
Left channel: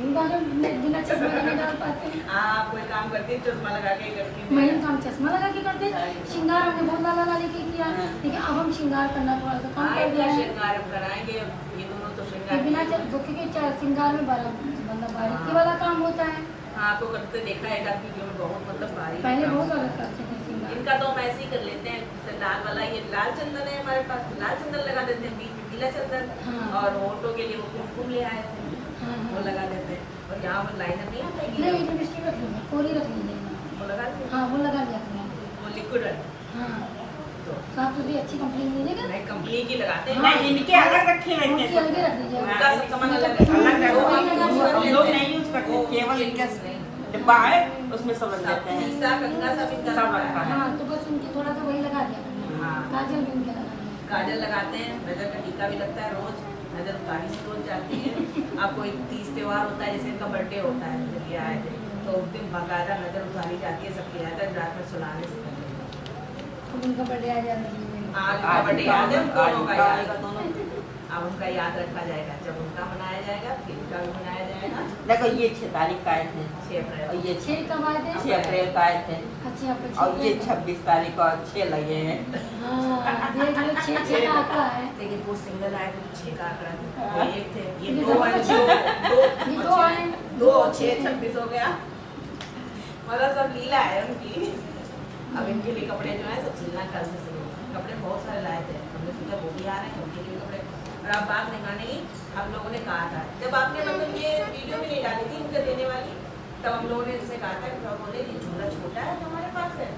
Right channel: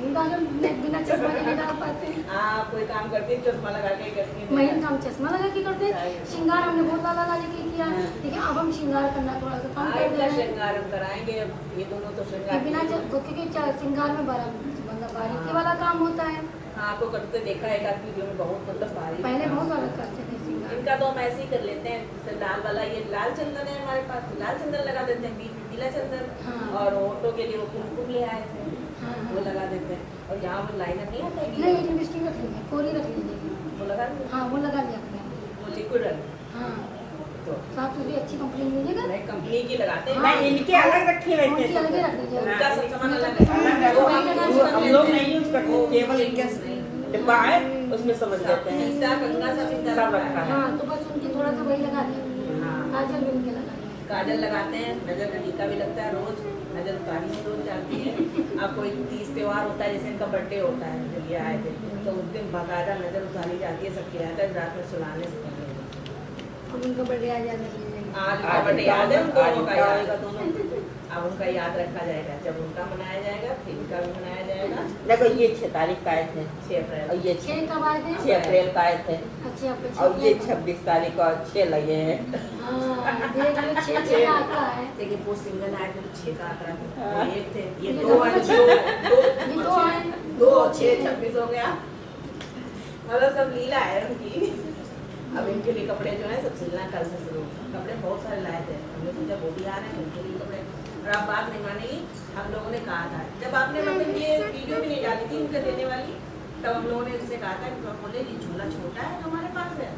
बिना चश्मा के नहीं डाल पाते हैं। हाँ, कोई काम करती है चश्मा लगा के करती है। महीन तो हम चश्मा लगा के करते हैं, श्रृंगार हमने बहुत लाला लाली के किया, लेकिन अब हम श्रृंगार करना थोड़ा सा कम हाँ, कर दिया इतना है। श्रृंगार हम कराएंगे, अब ये दोनों तो कि श्रृंगार बिना के लिए- क्योंकि श्रृंगार में मतलब बारीकी वाला काम होता है, हाँ, आपको करते देखा है एक आध वीडियो में, बहुत मतलब भारी पहले काम बहुत होता अलग है। करते थे सिंगार। इनका तो हम ऐसे ही कर लेते हैं, जैसे लाल वाला ये लाल चंदन है हमारे पास, तो लाल चंदन लगा देते हैं, बीच में पीला चंदन, हाँ। और होंठों के लिए वो कुमकुम ले आए थे, हाँ, हाँ। वो लगा देते हैं। और यहाँ पर लाइनर नहीं आता है नहीं कि लिपस्टिक रख लीजिए, कोरी रख लीजिए। वो लगा देते हैं, हाँ वो लगा लिया करें। वो लिक्विड रंग, हाँ तो साफ सुथरी अच्छी कंपनी की लीजिएगा। मैं कंपनी की लगाते हैं। हाँ। नहीं, इनके अलग रखे रहते उनकी अलग ही हैं रख दीजिए। उनका सब सामान अलग अलग है। है। वो हम लोग नहीं यूज करते, केवल इनका डिब्बा है उसमें सब रख देते हैं। शीशा, कंघा सब इनका सब रखा रखा है। है। हाँ तो बस उनकी थोड़ा सा वही लगा दिया करें। हाँ। काजल भी उनके लगा दिया। काजल लगाते हैं, नजर का टीका भी लगता है रोज, नजर उतारी में रोज जाती है। अब कोई तीज त्योहार होता है, जैसे इनका बर्थडे होता है, जब ये आए थे तो उस दिन बाकायदा नजर उतारी जाती है, सबकी रहता है रात में सुलाने से पहले। अब उनका बर्थडे आ जाएगा तो आज उनका बर्थडे याद है, आज दोनों का इनका याद आएगा है। दोनों। अब उनका याद रखा जाएगा, जब उनका मनाया जाएगा फिर इनका भी मनाया जाएगा। देखो ये 6 तारीख का आए थे 6 अप्रैल। और ये 6 कब आए थे? 6 अप्रैल का आए थे अच्छा आप और ये 26 तारीख को 6 लगे हैं। हाँ देख लो 6 का आंकड़ा है। देखिए वो सिंगल आए थे तो 6 का आंकड़ा था, हाँ। एक थे, ये ये 2 दो आए, बचे। ये दो आए। 2 6 26 हो गया, मतलब सब लीला है उनकी। अब इनके लिए कपड़े जो है सब सिलना कल से शुरू, कपड़े बहुत सारे लाए थे, हमने सोचा वो भी आ रहे हैं उनके लिए कपड़े। और आप बात नहीं मानेगी, हम लोगों ने कहा था जब आपने मतलब ये वीडियो भी नहीं डाली थी इनके देने वाली, तब हम लोगों ने इनसे कहा था कि पापा बोले ये झूला छोटा है जो हमारे पास है,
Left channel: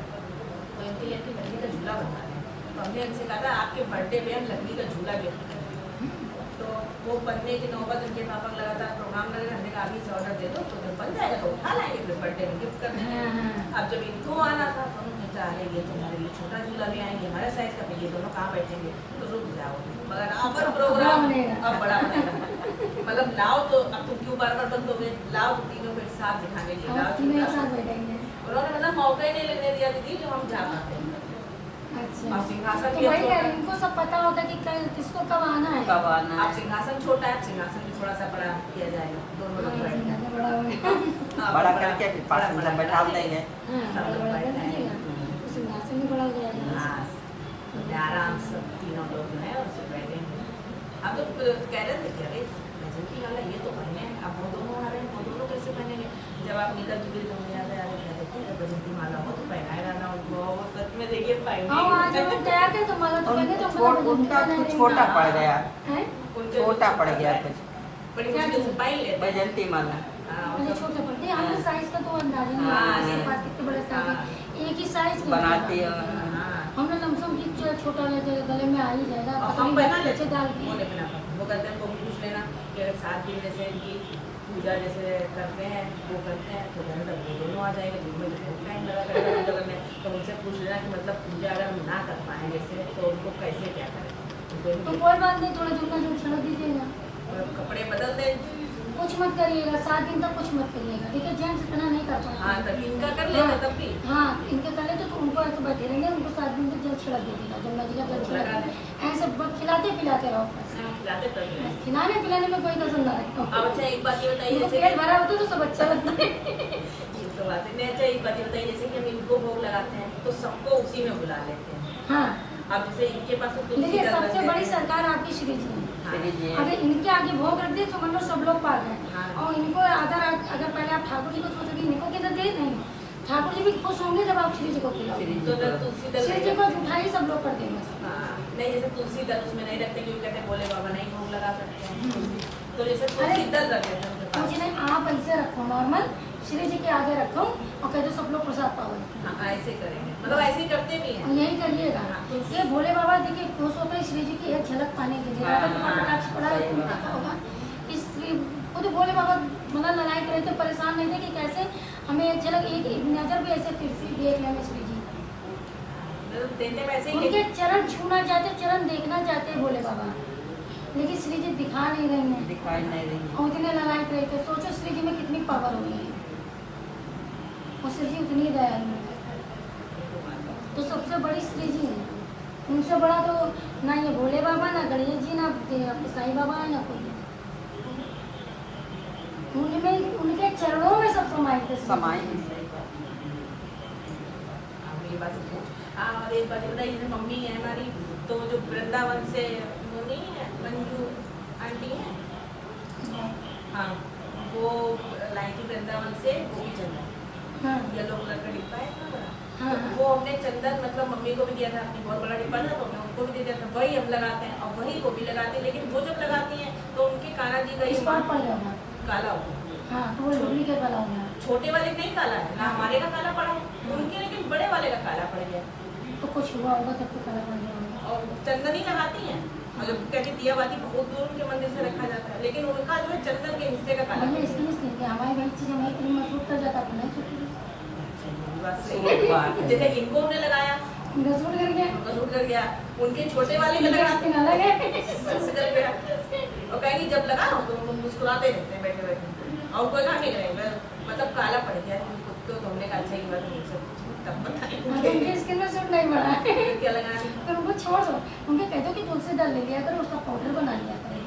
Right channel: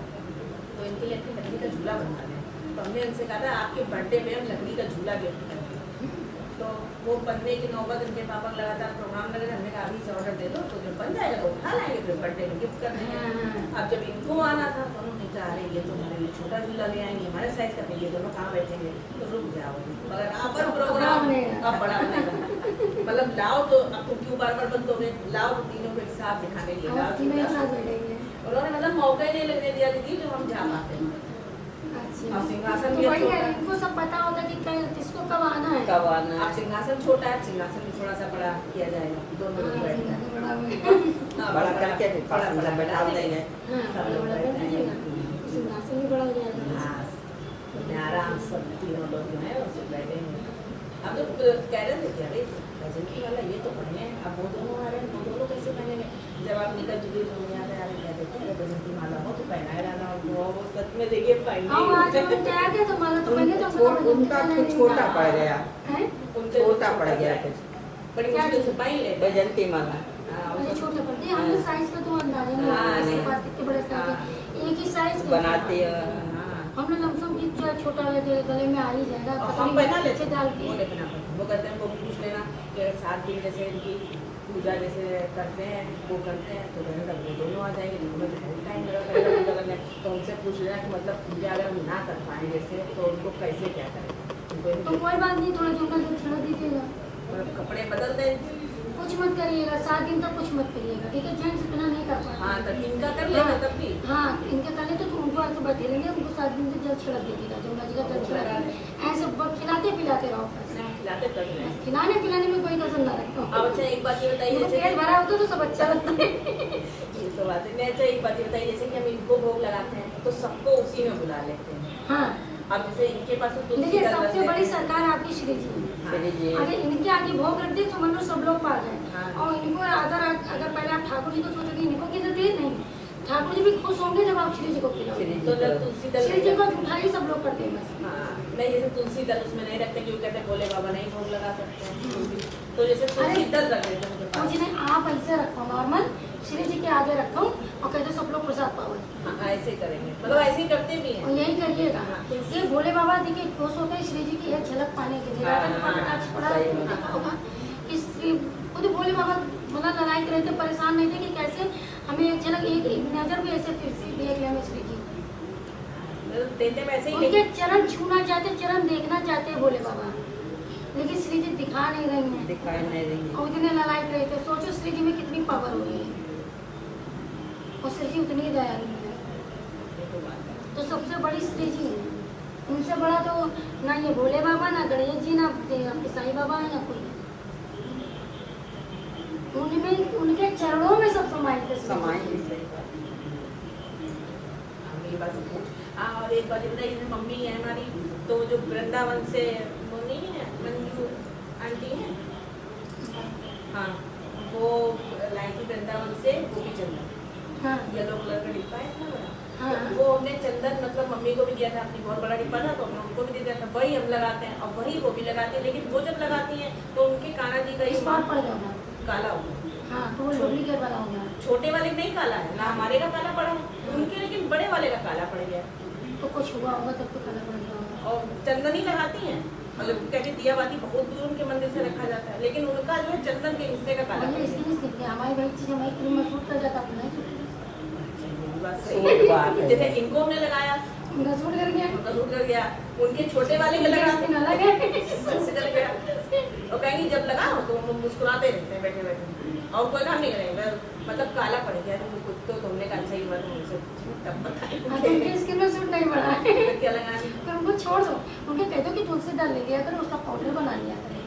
तो इनके लिए एक लकड़ी का झूला बनवाना है। तो हमने इनसे कहा था आपके बर्थडे पे हम लकड़ी का झूला गिफ्ट करेंगे। तो वो बनने की नौबत इनके पापा का लगातार प्रोग्राम लग रहा है, हमने कहा अभी से ऑर्डर दे दो, तो जब बन जाएगा तो उठा लाएंगे, फिर बर्थडे में गिफ्ट कर देंगे। हाँ, हाँ। अब जब इनको आना था तो उन्होंने चाह रहे ये तो हमारे लिए छोटा झूला ले आएंगे, हमारे साइज का, फिर ये दोनों कहाँ बैठेंगे, तो रुक जाओ, मगर आप पर प्रोग्राम बनेगा। अब बड़ा बनेगा। मतलब लाओ तो अब तुम क्यों बार बार बंदोगे, लाओ तो तीनों को एक साथ दिखाने के लिए हम लाओ तीनों एक झूला। साथ बैठेंगे। उन्होंने मतलब मौका ही नहीं लगने दिया दीदी जो हम जा पाते हैं। अच्छा और सिंहासन तो भी वही छोटा है, इनको सब पता होता कि किसको कब आना है। कब आना अब है? सिंहासन छोटा है, सिंहासन भी थोड़ा सा बड़ा किया जाएगा, दोनों लोग हाँ, बैठ सिंगार तो बड़ा हो गया। हाँ, बड़ा करके फिर पास में बड़ा बैठा देंगे। हाँ बड़ा कर दीजिएगा, तो सिंहासन भी बड़ा हो जाएगा। हाँ, तो आराम से सब तीनों लोग जो है उससे बैठेंगे। अब तो कह रहे थे कि अरे प्रेजेंटी वाला ये तो पहने हैं, अब वो दोनों आ रहे हैं, वो दोनों कैसे पहनेंगे। जब आप निकल चुके तो मुझे याद आया कह देते हैं प्रेजेंटी वाला हो तो पहनाए रहना, और वो सच में देखिए हाँ आज पहने हम तैयार थे तो माला तो पहले तो उनका कुछ छोटा पड़ गया, है छोटा पड़ गया कुछ बड़ी मुश्किल से पाई लेते हैं। बैजंती माला। हाँ, मुझे वो छोटे पड़ते हैं, हमने साइज का तो अंदाजा नहीं हाँ, लगाया, नहीं। सब बात कितने बड़े साइज है, एक ही साइज के बनाते हैं। हाँ। हमने लमसम की जो छोटा है गले में आ ही जाएगा, और पता हम नहीं बना लेते नीचे डाल हैं, वो के। नहीं बना पाते। वो करते हैं, वो पूछ लेना कि 7 दिन जैसे इनकी पूजा जैसे करते हैं वो करते हैं, तो कहने लगे वो दोनों आ जाएंगे, जिनमें तो बहुत टाइम लगा करेगा पूजा करने। तो उनसे पूछ लेना कि मतलब पूजा अगर हम ना कर पाएँ जैसे तो उनको कैसे क्या करें, उनको तो कोई बात नहीं, थोड़ा झुमका जो छिड़क दीजिएगा, मतलब कपड़े बदल दें। कुछ मत करिएगा, 7 दिन तक कुछ मत करिएगा, ठीक है। जेंट्स इतना नहीं कर हाँ पाते। तब इनका कर लेते तब भी। हाँ इनके तले तो उनको आके बैठे रहेंगे, उनको 7 दिन तक जल छिड़क दीजिएगा, जमुना जी का जल छिड़क ऐसे खिलाते पिलाते रहो बस। खिलाते तब भी। बस खिलाने पिलाने में कोई कसर ना रखो। अब अच्छा एक बात ये बताइए उनको जैसे पेट भरा होता है तो सब अच्छा लगता है। ये तो बात है नहीं। अच्छा एक बात ये बताइए जैसे कि हम इनको भोग लगाते हैं तो सबको उसी में बुला लेते हैं। हाँ अब जैसे इनके पास तो तुलसी देखिए दल सबसे रख बड़ी देते हैं। सरकार आपकी श्री जी है। श्री जी अगर इनके आगे भोग रख दे तो मतलब सब लोग पा गए। हाँ। और इनको अगर पहले आप ठाकुर जी को सोचोगे इनको किधर दे नहीं, ठाकुर जी भी खुश होंगे जब आप श्री जी को खिलाओगे। श्री तो मैं तुलसी दल श्री जी को उठाई सब लोग करते हैं बस। हाँ, नहीं जैसे तुलसी दल उसमें नहीं रखते क्योंकि कहते भोले बाबा नहीं भोग लगा सकते हैं। तो जैसे तुलसी दल रख देते हैं उनके कुछ पास। नहीं, आप ऐसे रखो नॉर्मल, श्री जी के आगे रखो और कहते सब लोग प्रसाद पाओ। हाँ ऐसे करेंगे, मतलब ऐसे ही करते भी और हैं। यही करिएगा। ये भोले बाबा देखिए खुश होकर श्री जी की एक झलक पाने के लिए राधा कृपा कटाक्ष पड़ा देखा होगा। इस खुद भोले बाबा मतलब लड़ाई कर रहे थे, परेशान नहीं थे कि कैसे हमें एक झलक एक नजर भी ऐसे फिर से देख ले हमें श्री जी। मतलब देते वैसे ही उनके नहीं। चरण छूना चाहते, चरण देखना चाहते हैं भोले बाबा, लेकिन श्री जी दिखा नहीं रही हैं दिखाई नहीं रही। और इतने लड़ाई कर रहे थे। सोचो श्री जी में कितनी पावर हो रही है और श्री जी उतनी दयालु है। तो सबसे बड़ी श्री जी है, उनसे बड़ा तो ना ये भोले बाबा, ना गणेश जी, ना आपके साईं बाबा है, ना कोई। उनमें उनके चरणों में सब समाये थे। समाई हम ये बात पूछ। हाँ और एक बात ये बताइए जैसे मम्मी है हमारी, तो जो वृंदावन से वो नहीं है मंजू आंटी है, हाँ वो लाई थी वृंदावन से गोपी चंदन, हाँ येलो कलर का डिब्बा है ना बड़ा। हाँ तो वो हमने चंदन मतलब मम्मी को भी दिया था, अपनी बहुत बड़ा डिब्बा था, तो हमने उनको भी दे दिया था। वही हम लगाते हैं और वही वो भी लगाते हैं, लेकिन वो जब लगाती हैं तो उनके काना जी का स्पॉट पड़ जाएगा। काला हो गया। हाँ तो वो डुप्लीकेट वाला हो गया। छोटे वाले नहीं काला है ना, हमारे का काला पड़ा है उनके, लेकिन बड़े वाले का काला पड़ गया। तो कुछ हुआ होगा तब तो काला पड़ गया होगा। और चंदन ही लगाती हैं, और कहते दिया बाती बहुत दूर उनके मंदिर से रखा जाता है, लेकिन उनका जो है चंदन के हिस्से का काला भैया इसके लिए स्किन के हमारी भाई चीज़ हमारी क्रीम में सूट कर जाता अपना जैसे इनको हमने लगाया मेरा सूट कर गया। उनका सूट कर गया, उनके छोटे वाले में मेरा लगाते स्किन अलग है। सबसे कर गया। और कहेंगे जब लगाओ तो वो मुस्कुराते रहते हैं बैठे बैठे, और कोई काम नहीं करेंगे, मतलब काला पड़ गया तो तुमने कहा अच्छा ही बात मुझसे तब बताया हाँ, तो उनकी स्किन में सूट नहीं पड़ा है। क्या लगाना। पर उनको छोड़ दो, उनके कह दो कि तुलसी डाल ले लिया करो, उसका पाउडर बना लिया करें।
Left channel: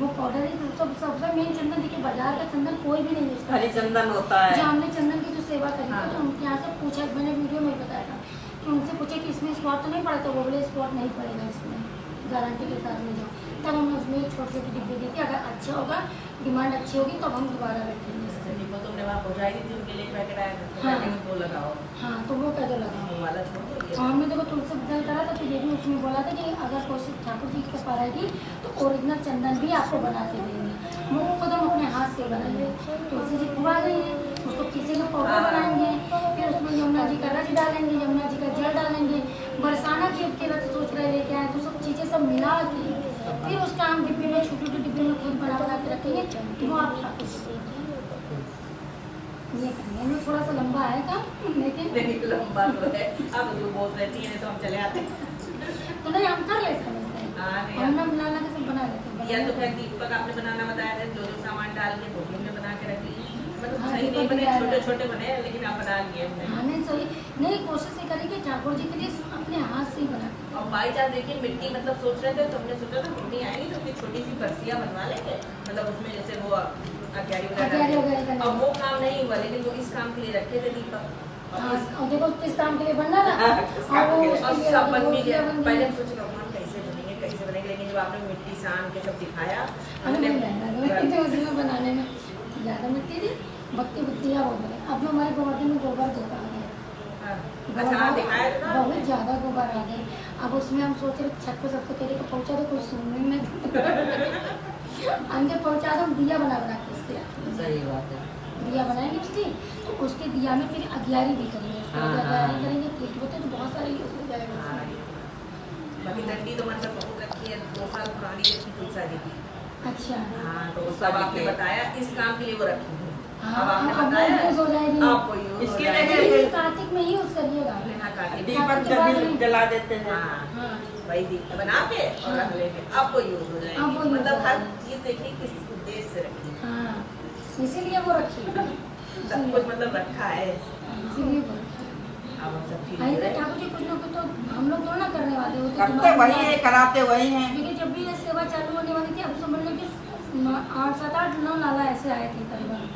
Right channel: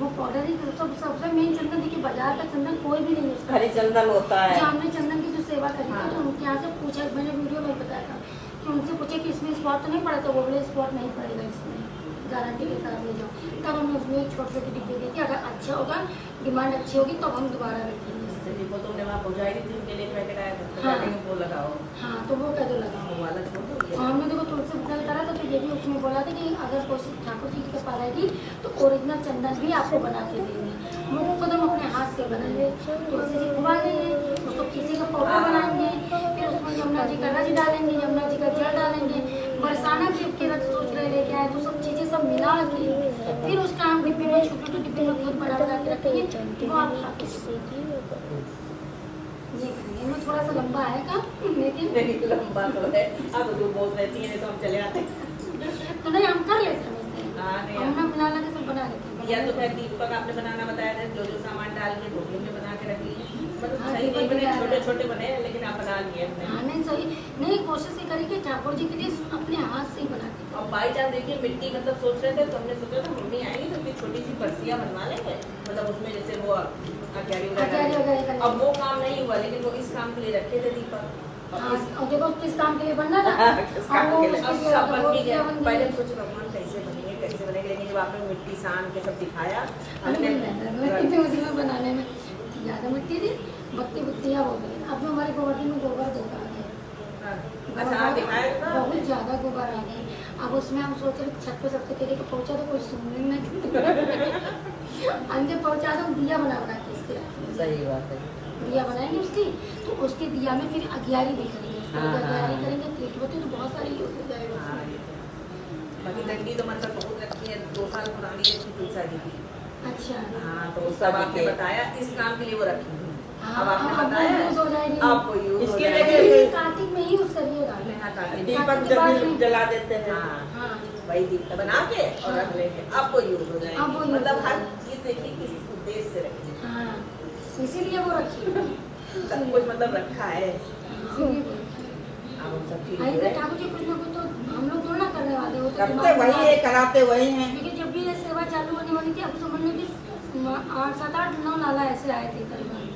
वो पाउडर ही सबसे मेन चंदन। देखिए बाजार का चंदन कोई भी नहीं यूज करता। हरी चंदन होता है। जो हमने चंदन की जो सेवा करी थी तो उनके यहाँ से पूछा, मैंने वीडियो में बताया था कि उनसे पूछे कि इसमें स्पॉट तो नहीं पड़ा, तो वो बोले स्पॉट नहीं पड़ेगा इसमें, गारंटी के साथ ले जाओ। तब हमने उसमें एक छोटे छोटे डिब्बे दी थी, अगर अच्छा होगा डिमांड अच्छी होगी तब हम दोबारा रखेंगे। वो तुमने वहाँ पहुँचाई थी उनके लिए पैकेट आया था, तो हाँ। कहते हैं वो लगाओ, हाँ तो वो कह दो लगाओ। वो वाला छोड़ दो ये। और हमने देखो तुलसी बदल करा था, तो ये भी उसमें बोला था कि अगर कोई ठाकुर जी के पास आएगी तो ओरिजिनल चंदन भी आपको बना के देंगे। वो खुद हम अपने हाथ से बनाएंगे। तुलसी जी खुबा देंगे, उसको पीसे का पाउडर बनाएंगे, फिर उसमें यमुना जी का रज डालेंगे, यमुना जी का जल डालेंगे, बरसाना के रज सोच रहे लेके आए, तो सब चीज़ें सब मिला के फिर उसका हम डिब्बे में छोटे छोटे डिब्बे में खुद बना बना के रखेंगे। वो आप खा के ये करेंगे। इनमें थोड़ा सा लंबा आएगा लेकिन नहीं लंबा तो है, अब दूर बहुत रहती है तो हम चले आते हैं। तो नहीं हम कर लेते हैं वैसे। हाँ, नहीं, हमने मिला ला के सब बना लेते हैं। या तो फिर दीपक आपने बनाना बताया था, जो जो सामान डाल के गोभी में बना के रख ली, मतलब हाँ, सही नहीं दीपक बने, भी छोटे छोटे बने लेकिन आप बना लिए हमने। हाँ नहीं सही नहीं, कोशिश ये करी कि ठाकुर जी के लिए अपने हाथ से ही बना के। और बाई चांस देखिए मिट्टी मतलब सोच रहे थे, तो हमने सोचा था मम्मी आएंगी तो इतनी छोटी सी बरसियाँ बनवा लेंगे, मतलब उसमें जैसे वो अक्यारी अक्यारी वगैरह वगैरह। करने। अब वो काम नहीं हुआ, लेकिन वो इस काम के लिए रखे थे दीपक। हाँ और देखो किस काम के लिए बनना था। किस काम और वो के लिए? उसके अब लिए सब बन भी गया। बन गई। पहले हम सोच रहे हम कैसे बनेंगे, लेकिन जब आपने मिट्टी सान के सब दिखाया, हमने मेहनत तो उसमें बनाने में ज़्यादा मिट्टी थी, बत्ती बुत्तियाँ बहुत बने। अब जो हमारे गोवर्धन में गोबर बहुत आ गए, अच्छा हाँ, दिखाया था ना। बहुत ज़्यादा गोबर आ गए। अब उसमें हम सोच रहे छत पे सबसे कह रहे कि पहुँचा दो, कोई सुनने में अंदर पहुँचा दो, दिया बना बना के इसके रखेंगे। सही बात है। दिया बनाएंगे उसकी, तो उसके दिया में फिर अगियारी भी करेंगे। उसको हाँ, अगियारी हाँ। करेंगे, ठीक होते तो बहुत सारी हो जाएगा हाँ, उसमें। बाकी डंडी तो मतलब बहुत रखी है, 2 साल पुरानी रखी तुलसा जी की। अच्छा हाँ तो तुलसा उसका जी आपने के। बताया इस काम के लिए वो रखी है। हाँ, अब आपने अब वो बताया यूज हो जाएगी। आपको यूज हो इसके जाएगी। लिए ये कार्तिक में ही यूज करिएगा। अपने हाथ आके दीपक कार्तिक के बाद जब में- जला देते हैं। हाँ हाँ वही दीप बना के और रख लेंगे, आपको यूज हो जाएगी। अब वो use मतलब हो हर जाएगी। चीज देखिए किस उद्देश्य से रखी है। हाँ इसीलिए वो रखी। सब कुछ मतलब रखा है। इसीलिए वो रखी। अब हम सब चीज आई तो ठाकुर जी कुछ ना कुछ तो हम लोग थोड़ा ना करने वाले हो, तो करते दिमाग वही में है, कराते वही हैं। क्योंकि जब भी ये सेवा चालू होने वाली थी, अब समझ लो कि 7, 8, 9 नाला ऐसे आए थे करीबन,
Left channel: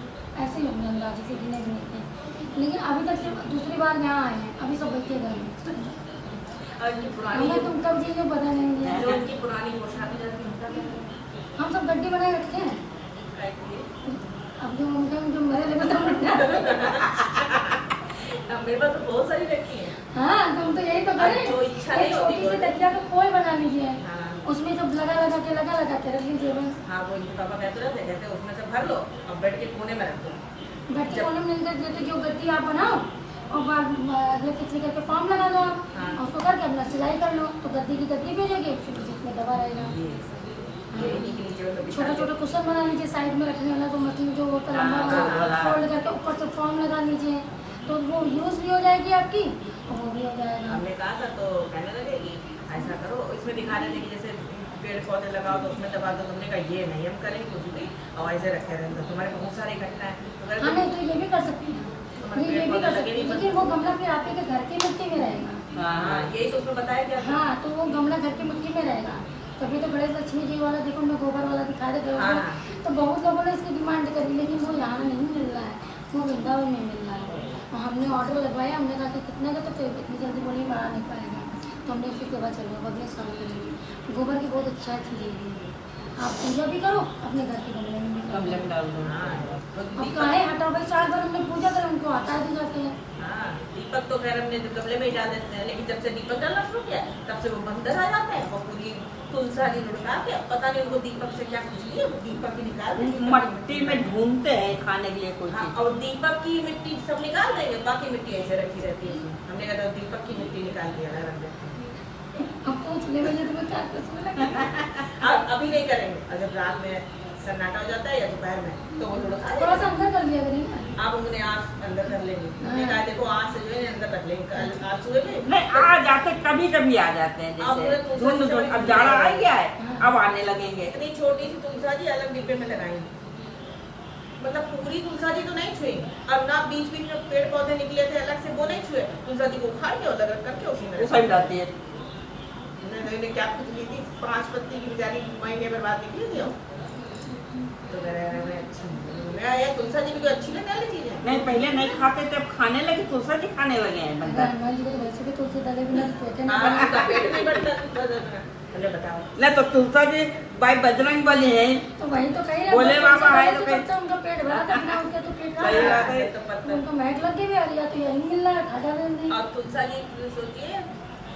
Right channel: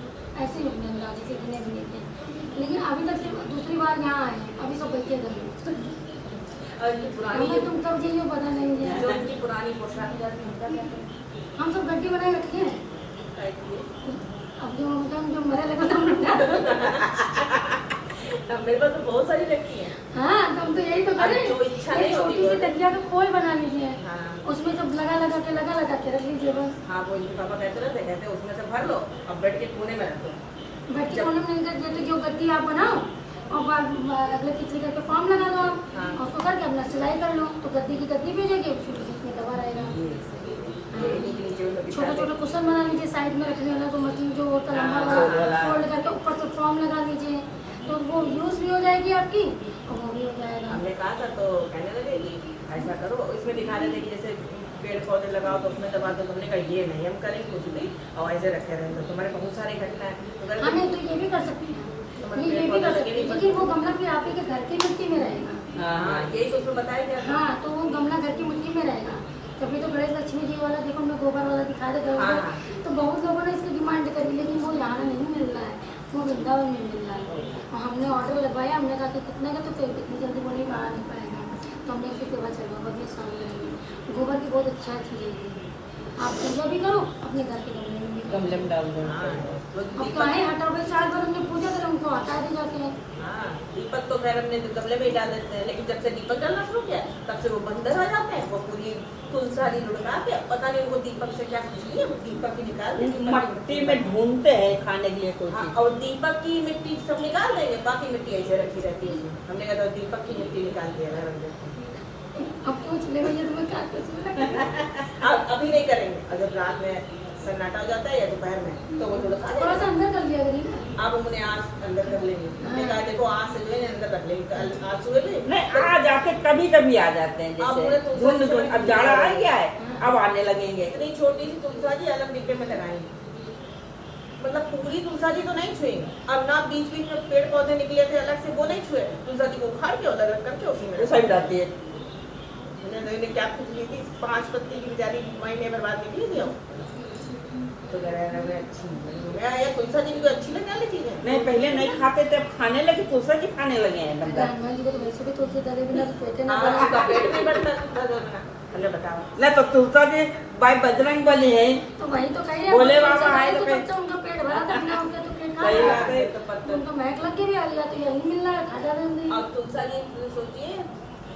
ऐसे ही होंगे अंदाजे से गिने भी नहीं थे। लेकिन अभी तक सिर्फ दूसरी बार यहाँ आए हैं, अभी सब बैठे घर में। और इनकी पुरानी हमें तुम कब जाइए पता नहीं मुझे। जो इनकी पुरानी पोशाक जाती है उनका क्या है? हम सब गड्ढे बनाए रखे हैं। क्या है ये? अब जो उनका जो मेरे लगे तो अब मेरे पास तो बहुत सारी रखी है। हाँ तुम तो यही तो करें। अब जो इच्छा एक नहीं होती छोटी सी वो- तकिया का खोल बना लीजिए, हाँ उसमें सब लगा लगा के रख लीजिए बस। हाँ वो इनके पापा कहते रहते, कहते उसमें से भर लो और बेड के कोने में रखो। गड्ढे कोने में नहीं करते तो जो गद्दी आप बनाओ और अगले पिछले करके फॉर्म लगा दो आप, हाँ। और उसको करके अपना सिलाई कर लो, तो गद्दी की गद्दी भेजोगे, उसके बीच में दबा रहेगा। ये सही है। ये इन्हीं के नीचे में बिछा छोटा के- छोटा कुशन बना लीजिए साइड में रखने वाला, जो मशीन जो होता है लंबा हाँ, वाला हाँ। फोल्ड करके ऊपर से फॉर्म लगा लीजिए, तो वो यूज भी हो जाएगी आपकी और वो भी हो जाएगा। हमने कहा था तो कहने लगे कि ऐसा करो, इसमें दिखा रहे थे कि जैसे पेड़ पौधे लगाओ तो उसमें दबा दो। तुमने कहा ये नहीं हम करेंगे कुछ भी, और ऐसे रखे रहते हैं। तुम्हारे बहुत सारी घटना है अगर हाँ नहीं तो ये भी कर सकती हैं, ये भी कर सकती है, लेकिन वो गमला फिर आप ही के घर की मिट्टी में रहेगा। हाँ यही तो उसमें बताया गया था। हाँ तो वो गमला घर की मिट्टी में रहेगा। तभी तो गणेश लक्ष्मी जी वाला देखो मैं गोबर वाला दिखा दे हाँ, गए, हाँ। तो बहुत लोगों ने इसकी डिमांड करी, लेकिन वो यहाँ नहीं मिल रहा है, वो वृंदावन में मिल रहा है। और हमने ऑर्डर लगवाया, हमने कहा कि कितने का, तो इतनी जल्दी वो नहीं आ नहीं पाएगा, तो हमने उसकी सेवा चलवा बिजनेस काम करेंगे। गोबर की बहुत अच्छा चीज़ है ये, आप पूजा भी करो अपने घर के गमले में भी करो। गमले में डाल दो। हाँ अब काहे हटा भाई, साल भर हमने पूजा करे उनको हटा दी जाती है। हाँ, दीपक तो खैर हमने गमले में ही डाल देते हैं, लेकिन जब से दीपक डालना शुरू किया तब से वो बंदर आ जाता है, वो पूरी तुलसारी लुढ़का के, पता नहीं उनको दीपक से क्या खुजली है, वो दीपक ही निकाल देंगे। मट्टी में ढूंढते हैं खाने के लिए कोई हाँ, चीज। और दीपक की मिट्टी सब निकाल देंगे, बाकी मिट्टी ऐसे रखी रहती है उसमें। हमने कहा था दीपक की मिट्टी निकाल दिया रख देते हैं। अब पूछ ले भैया तुम्हें क्या कुछ लगा। अब अभी नहीं करेंगे, अगर रात में सन्नाटा हो जाता है या दोपहर में तो वो लुढ़का थोड़ा देंगे। सा अंदर कर लिया करिए। आप उन्हें आज अंदर कर लेंगे, हमने कहा देखो आज से जो है अंदर रख लेंगे, कल आज सुबह में नहीं आ जाते, कभी कभी आ जाते हैं, अब जैसे उन्हें तो ढूंढ सबसे ढूंढ। अब बड़ी जाड़ा आ चीज़ गया है, अब आने लगेंगे। इतनी छोटी सी तुलसा जी अलग डिब्बे में लगाएंगे, मतलब पूरी तुलसा जी तो नहीं छुएंगे। अब ना बीच बीच में पेड़ पौधे निकले थे अलग से, वो नहीं छुए, तुलसा जी को उखाड़ के उधर रख करके उसी में वो सही रहती है। उन्होंने क्या कुछ ली थी, 5 पत्ती की बेचारी महीने भर बाद निकली थी। तो अच्छी या तुलसा जी भी कोई अच्छी लगने वाली चीज है। नहीं पहले नहीं खाते थे, अब खाने लगे, तुलसा जी खाने लगे हैं बंदा। हनुमान जी को तो वैसे भी तुलसी डाले बिना तो पेटे ना हाँ, उनका पेट नहीं भरता तुलसा जी बिना। चलो बताओ। नहीं तो तुलसा जी भाई बजरंग बली है, तो वही तो कहे बोले बाबा आए तो जब तक उनका पेट भरा था बिना उनके तो पेट सही कहाँ बात भरा? है। तो पत्थर। उनको महक लग के भी आ रही है, तो यही मिल रहा है, खा जा रहे हैं। और तुलसा जी सोचिए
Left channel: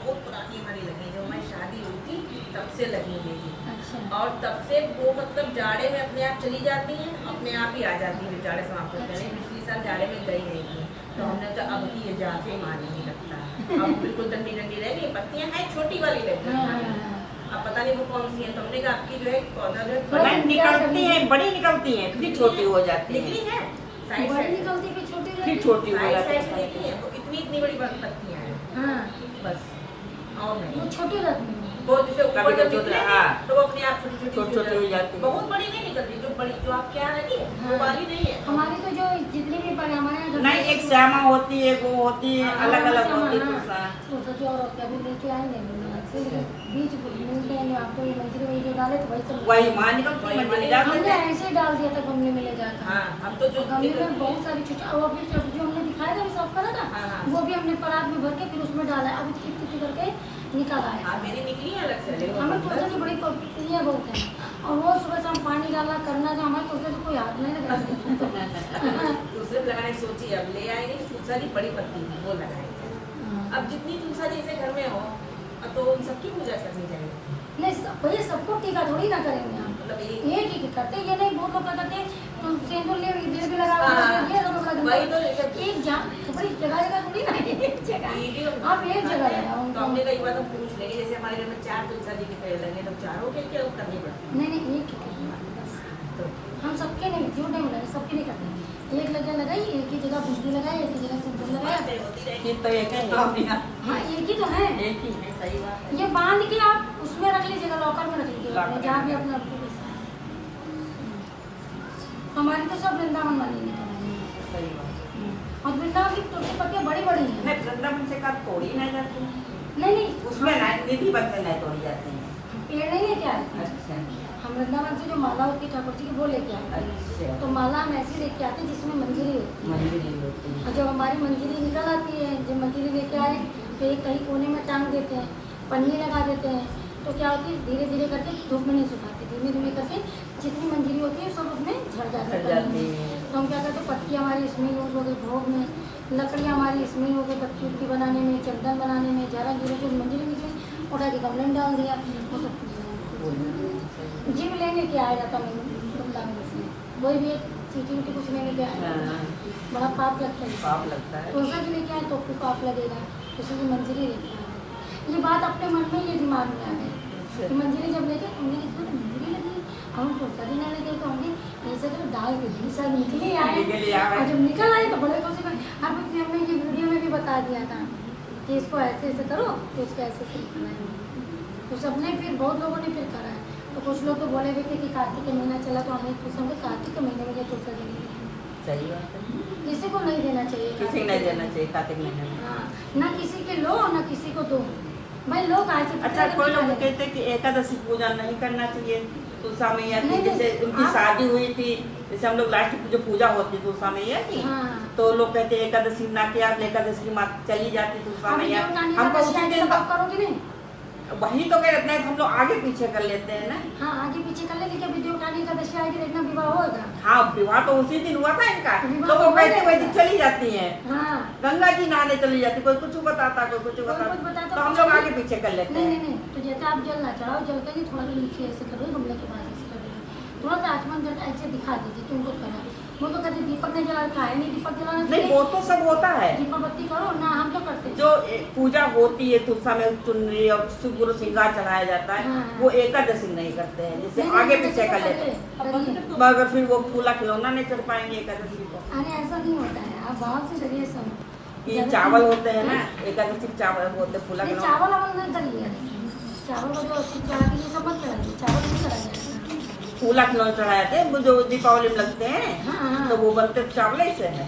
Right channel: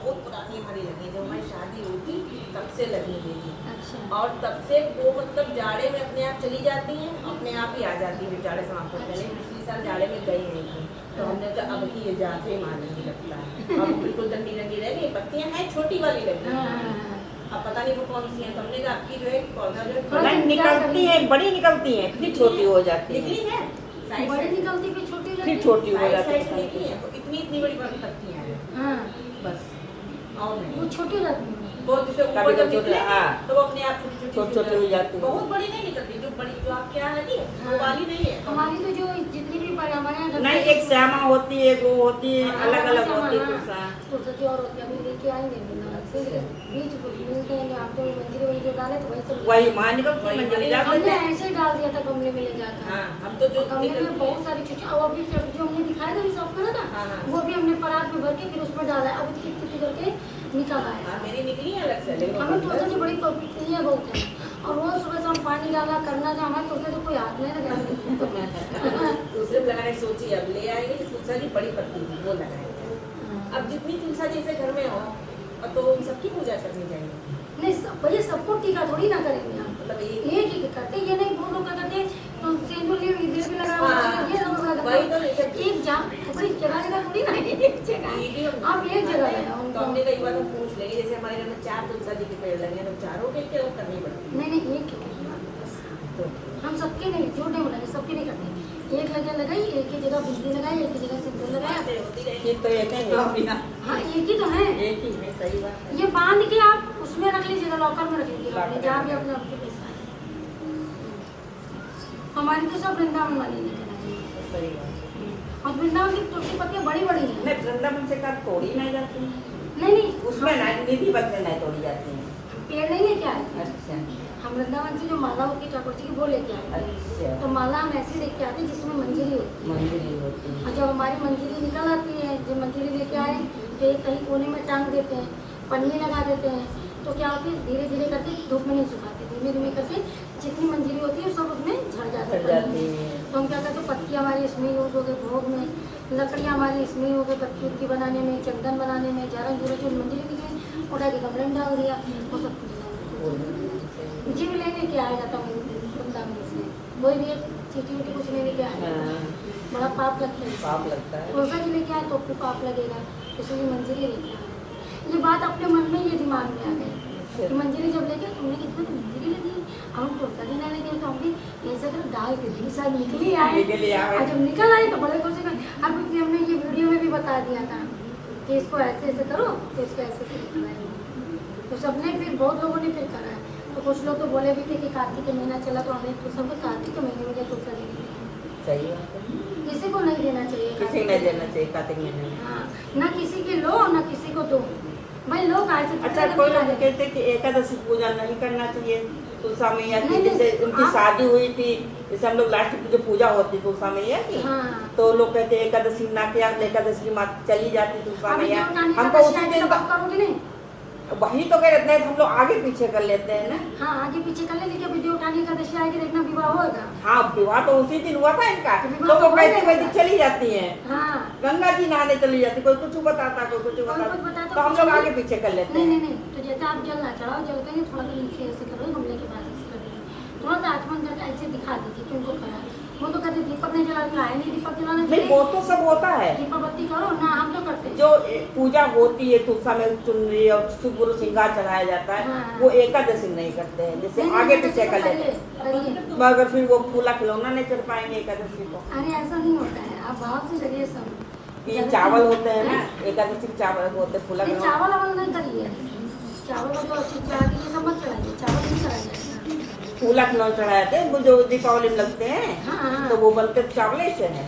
बहुत पुरानी हमारी लगी, जब हमारी शादी हुई थी तब से लगी हुई थी। अच्छा। और तब से वो मतलब जाड़े में अपने आप चली जाती हैं, अपने आप ही आ जाती है जाड़े समाप्त होने पहले। पिछली साल जाड़े में गई नहीं थी, तो हमने कहा अब की ये जाते माने नहीं लगता है। अब बिल्कुल डंडी डंडी रह गई, पत्तियां हैं छोटी वाली लगी हाँ, हाँ, हैं। हाँ। अब पता नहीं वो कौन सी है, तो हमने कहा आपकी जो है पौधा जो थोड़ा है नहीं निकलती है, बड़ी निकलती है, फिर छोटी हो जाती है, निकली है, साइड बड़ी साइड निकलती फिर छोटी हो फिर जाती छोटी हो साइड जाती साइड से है। निकली है, तो इतनी इतनी बड़ी पत्तियां हैं हाँ, बस, और नहीं। वो छोटी रहती है। वो जैसे ऊपर कभी जब कभी निकलेंगे, हाँ। तो वो अपने आप छोटी छोटी हो जाती है। बहुत बड़ी नहीं निकलती, जो बड़ी जो आप क्या है नी, हाँ। वो वाली नहीं है। हमारी तो जो जितनी भी हमारे यहाँ घर नहीं पे- एक श्यामा होती है, वो होती है, हाँ, अलग अलग हाँ, होती है हाँ। तुलसा। तुलसा जी और होती है, अभी लेके आएंगे बीज मिलते हैं आपको, मंदिर वही जो डाले तो वही सब वही माँ निकलती है, मंदिर जाते हमने हैं। ऐसे ही डाल दिया था गमले में ले जाकर। हाँ, हम तो जो गमले में निकलती बहुत सारी छोटी, और अभी जो हमने दिखाया था साफ करा था, हाँ, हाँ। वो भी हमने परात में भर के फिर उसमें डाला, अभी कितनी करके निकल आया। हाँ, मेरी निकली है अलग से, लेकिन वो हमें बंद तुलसी है। की बड़ी पत्तियाँ बहुत हैं, और रोज सुबह शाम पानी डाला करना, जो हमारे तुलसी तो कोई हाथ नहीं लगा। दूसरे लगाने की सोची, अब ले आएंगे तो तुलसा की बड़ी पत्ती थी, वो लगाएंगे। अब जितनी तुलसा जैसे घर में हो, अब तो वो उन सबकी पूजा करनी चाहिए। नहीं भैया सबको टीका थोड़ी ना करेंगे हम, मतलब एक एक करते, ये नहीं बहुत लोग क्या करते तो सिंदूर ले इधर भी लगा हुआ है, हाँ, ये सब बड़ा वही तो गंदा। जैसे- एक बड़ी जगह जगह थोड़ी ना, एक जगह आप एक जगह है तो हमने कई बार तो पूछ लेंगे, जैसे हमारे घर में 4 तुलसा जी के पेड़ लगे हैं, तो चारों के क्या करनी पड़ती नहीं नहीं एक ही करेंगे बस, तो हम सबके नहीं, झूठ नहीं बोलेंगे, सबके नहीं करते। एक लगे लगाई, एक ही जगह बिजली लगाई, एक ही जगह सिंदूर लगाया। होती रहेगी। फिर तो एक ही है, हाँ एक ही तो है, एक ही है, सही बात है। ये बांध के आप उसमें रख लीजिएगा, लॉकर में रख लीजिएगा अपने, जहाँ भी अपने आपके पैसा है। हमारी तो सब वृंदावन वाली निकल आई है, सही बात है। और वृंदावन की तुलसी पत्तियाँ बड़ी बड़ी हैं। नहीं वृंदावन से कब तोड़ी नहीं जाती, नहीं नहीं उसमें नहीं निधि बनते नहीं तोड़ी जाती है। पेड़ नहीं लेके आए थे। अच्छा हम वृंदावन से जो माला होती है ठाकुर जी की वो लेके आए थे। अच्छा, तो माला हम ऐसी लेके आते हैं जिसमें मंजरी होती है, मंदिर ही होती है। और जब हमारी मंजरी निकल आती है, जब मंजरी लेके आए तो एक कहीं कोने में टांग देते हैं, पन्नी लगा देते हैं, तो क्या होती है धीरे धीरे करके धूप में नहीं सुखाते, धीमे धीमे करके जितनी मंजरी होती है सब उसमें झड़ जाती झड़ जाती है। है। तो हम क्या करते हैं, पत्तियाँ हमारी इसमें यूज हो गई भोग में, लकड़ियाँ हमारी इसमें हो गई पत्ती उत्ती बनाने में, चंदन बनाने में, ज़्यादा धीरे जो मंजरी निकली उठा के गमले में डाल दिया, वो सब जीव लेने के आया जाता हूँ वृंदावन से, कोई भी एक चीटी उटी कुछ लेने के आया जाता है, बड़ा पाप लगता है। पाप लगता है। तुलसा जी लेके आए तो आपको पाप लगेगा, उसमें मंजरी लेके आए। ये बात अपने मन में, ये दिमाग में आ गई कि मंजरी जब लेके हमने इसमें तो मंजरी लगी, हम तुलसा जी लेने गए तो हमने ऐसा कर डाल के दी शायद निकली आए, और जब निकल आए तो बड़े खुश हो गए। अब इसलिए हमने ये वीडियो में भी बता दिया था कि इसको ऐसे ऐसे करो तो इसको ऐसे ऐसे निकल आएगा। तो सबने फिर बहुत लोगों ने फिर करा है, तो कुछ लोग तो बोले भी थे कि कार्तिक का महीना चला तो हमें तो सबको कार्तिक के महीने में ये तुलसा जी दी। सही बात है, किसी को नहीं देना चाहिए, किसी को नहीं देना चाहिए कार्तिक महीने में। हाँ, ना किसी के लो ना किसी को दो, भाई लोग आए थे। अच्छा कोई लोग कहते हैं कि एकादशी पूजा नहीं करना चाहिए तुलसा मैया की, नहीं, जैसे उनकी हाँ। शादी हुई थी, जैसे हम लोग लास्ट की जो पूजा होती तुलसा मैया की, हाँ। तो लोग कहते हैं एकादशी ना किया, एकादशी की माँ चली जाती तुलसा अभी मैया, देवकानी हमको एकादशी उसी आएगी दिन तब आप करोगे नहीं? वही तो कहते हैं, हम लोग आगे पीछे कर लेते हैं ना। हाँ आगे पीछे कर ले, लेकिन विधि उठाने का दशा आएगी, देखना विवाह होगा। हाँ विवाह तो उसी दिन हुआ था इनका, विवाह तो वो हो वैसे जाएगा। वैसे चली जाती है, हाँ गंगा जी नहाने चली जाती, कोई कुछ बताता कोई कुछ कुछ बताता, बताता, तो हम लोग आगे पीछे कर लेते नहीं नहीं हैं। नहीं, तो जैसे आप जल ना चढ़ाओ, जल करेंगे थोड़ा सा नीचे ऐसे करो, गमले के पास ऐसे कर दीजिए, थोड़ा सा आसमान करके ऐसे दिखा दीजिए कि उनको करा। वो तो कहते दीपक नहीं जला रखा है, नहीं दीपक जलाना नहीं चाहिए, वो तो सब होता है, दीपक बत्ती करो ना, हम तो करते हैं। जो पूजा होती है तुलसा में चुनरी और सुगुरु श्रृंगार चढ़ाया जाता है, हाँ। वो एकादशी नहीं करते हैं, जैसे नहीं, आगे नहीं, पीछे कर करिए, लेते हैं। करिए। मगर फिर वो फूला खिलौना नहीं चढ़ पाएंगे एकादशी को। अरे ऐसा नहीं होता है, आप भाव से करिए सब। ये चावल होते हैं ना, एकादशी के चावल होते हैं फूला नहीं खिलौना। चावल अवल नहीं करिए, चावल का जो अच्छी चढ़ा के ये सब मत चढ़ाइए, चावल नहीं चढ़ाइए। फूला खिलौना चढ़ाए थे वो जो दीपावली में लगते हैं, हाँ हाँ तो वो बनते चावल ही से है।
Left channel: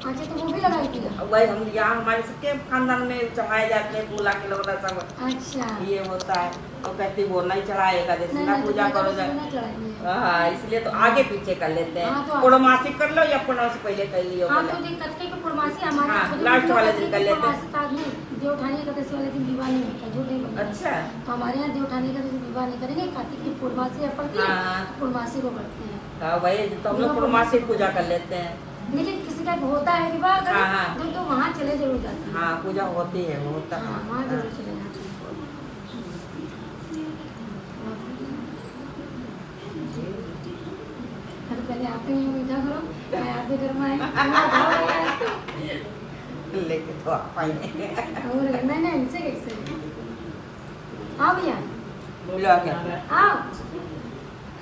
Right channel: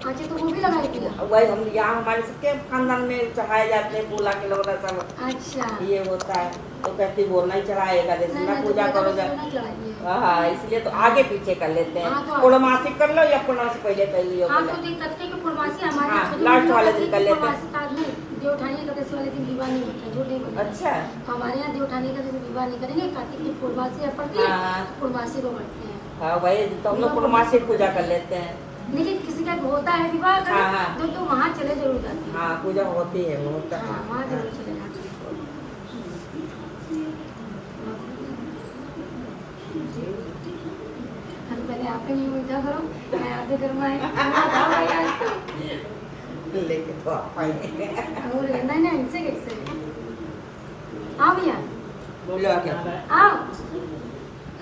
अच्छा तो वो भी लगाई थी। वही हम यहाँ हमारे सबके खानदान में चढ़ाए जाते हैं फूला खिलौना सब, अच्छा ये होता है। तो कहती वो नहीं चढ़ाएगा, जैसे नहीं ना नहीं, पूजा तो करो बेटा जा। नहीं चढ़ाइए। हाँ इसलिए तो आगे पीछे कर लेते हाँ, हैं, तो- पूर्णमासी कर लो या पूर्णमासी पहले कर लियो। हाँ तो दिन कत्ते की पूर्णमासी हमारे हाँ, यहाँ खुद लास्ट में वाले कत्ते दिन की कर लेते हैं। पूर्णमासी का नहीं, देव उठाने का कत्ते वाले दिन विवाह नहीं होता, झूठ नहीं बोलना। अच्छा हमारे यहाँ देव उठाने का जैसे विवाह नहीं करेंगे, कार्तिक की पूर्णमासी है पड़ती है, हाँ। पूर्णमासी को करते हैं। हाँ वही तो हम लोग पूर्णमासी पूजा कर लेते हैं। लेकिन किसी का होता है विवाह हाँ, करें हाँ। जो तो वहाँ चले जरूर जाते हैं। हाँ पूजा होती है, वो होता हाँ है। वहाँ जरूर चले जाते हैं। अरे पहले आप ही मीठा करो, मैं आप भी गरमाए लेके तो आप आएंगे। और नहीं नहीं इनसे कैसे आओ भैया बोलो क्या? आओ,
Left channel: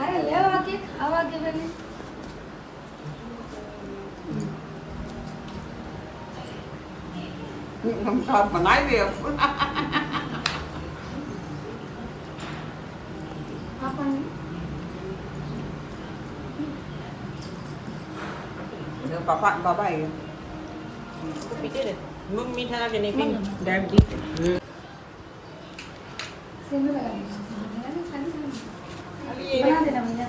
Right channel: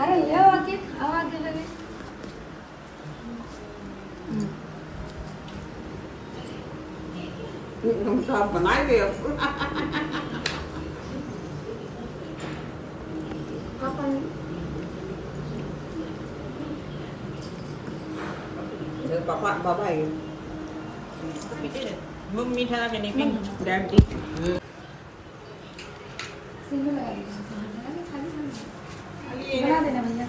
अरे ले आओ आके खाओ आके पहले। हम सब बनाएंगे अब। अपन पापा पापा है मीठा ना नहीं पी डैडी। सिंदूर लगा दीजिए, खाली सिंदूर बना देना भैया।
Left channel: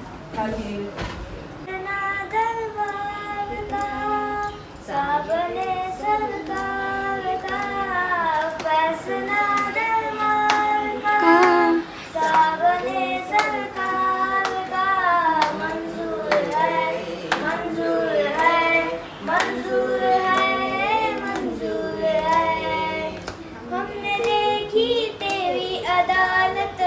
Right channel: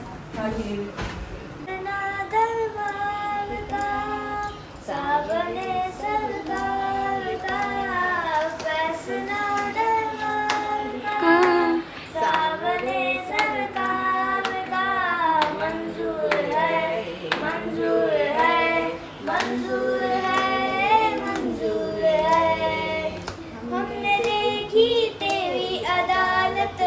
दरबार का साबने सरकार का फैसला दरबार का साबने सरकार का मंजूर है मंजूर है मंजूर है मंजूर है। हमने देखी तेरी अदालत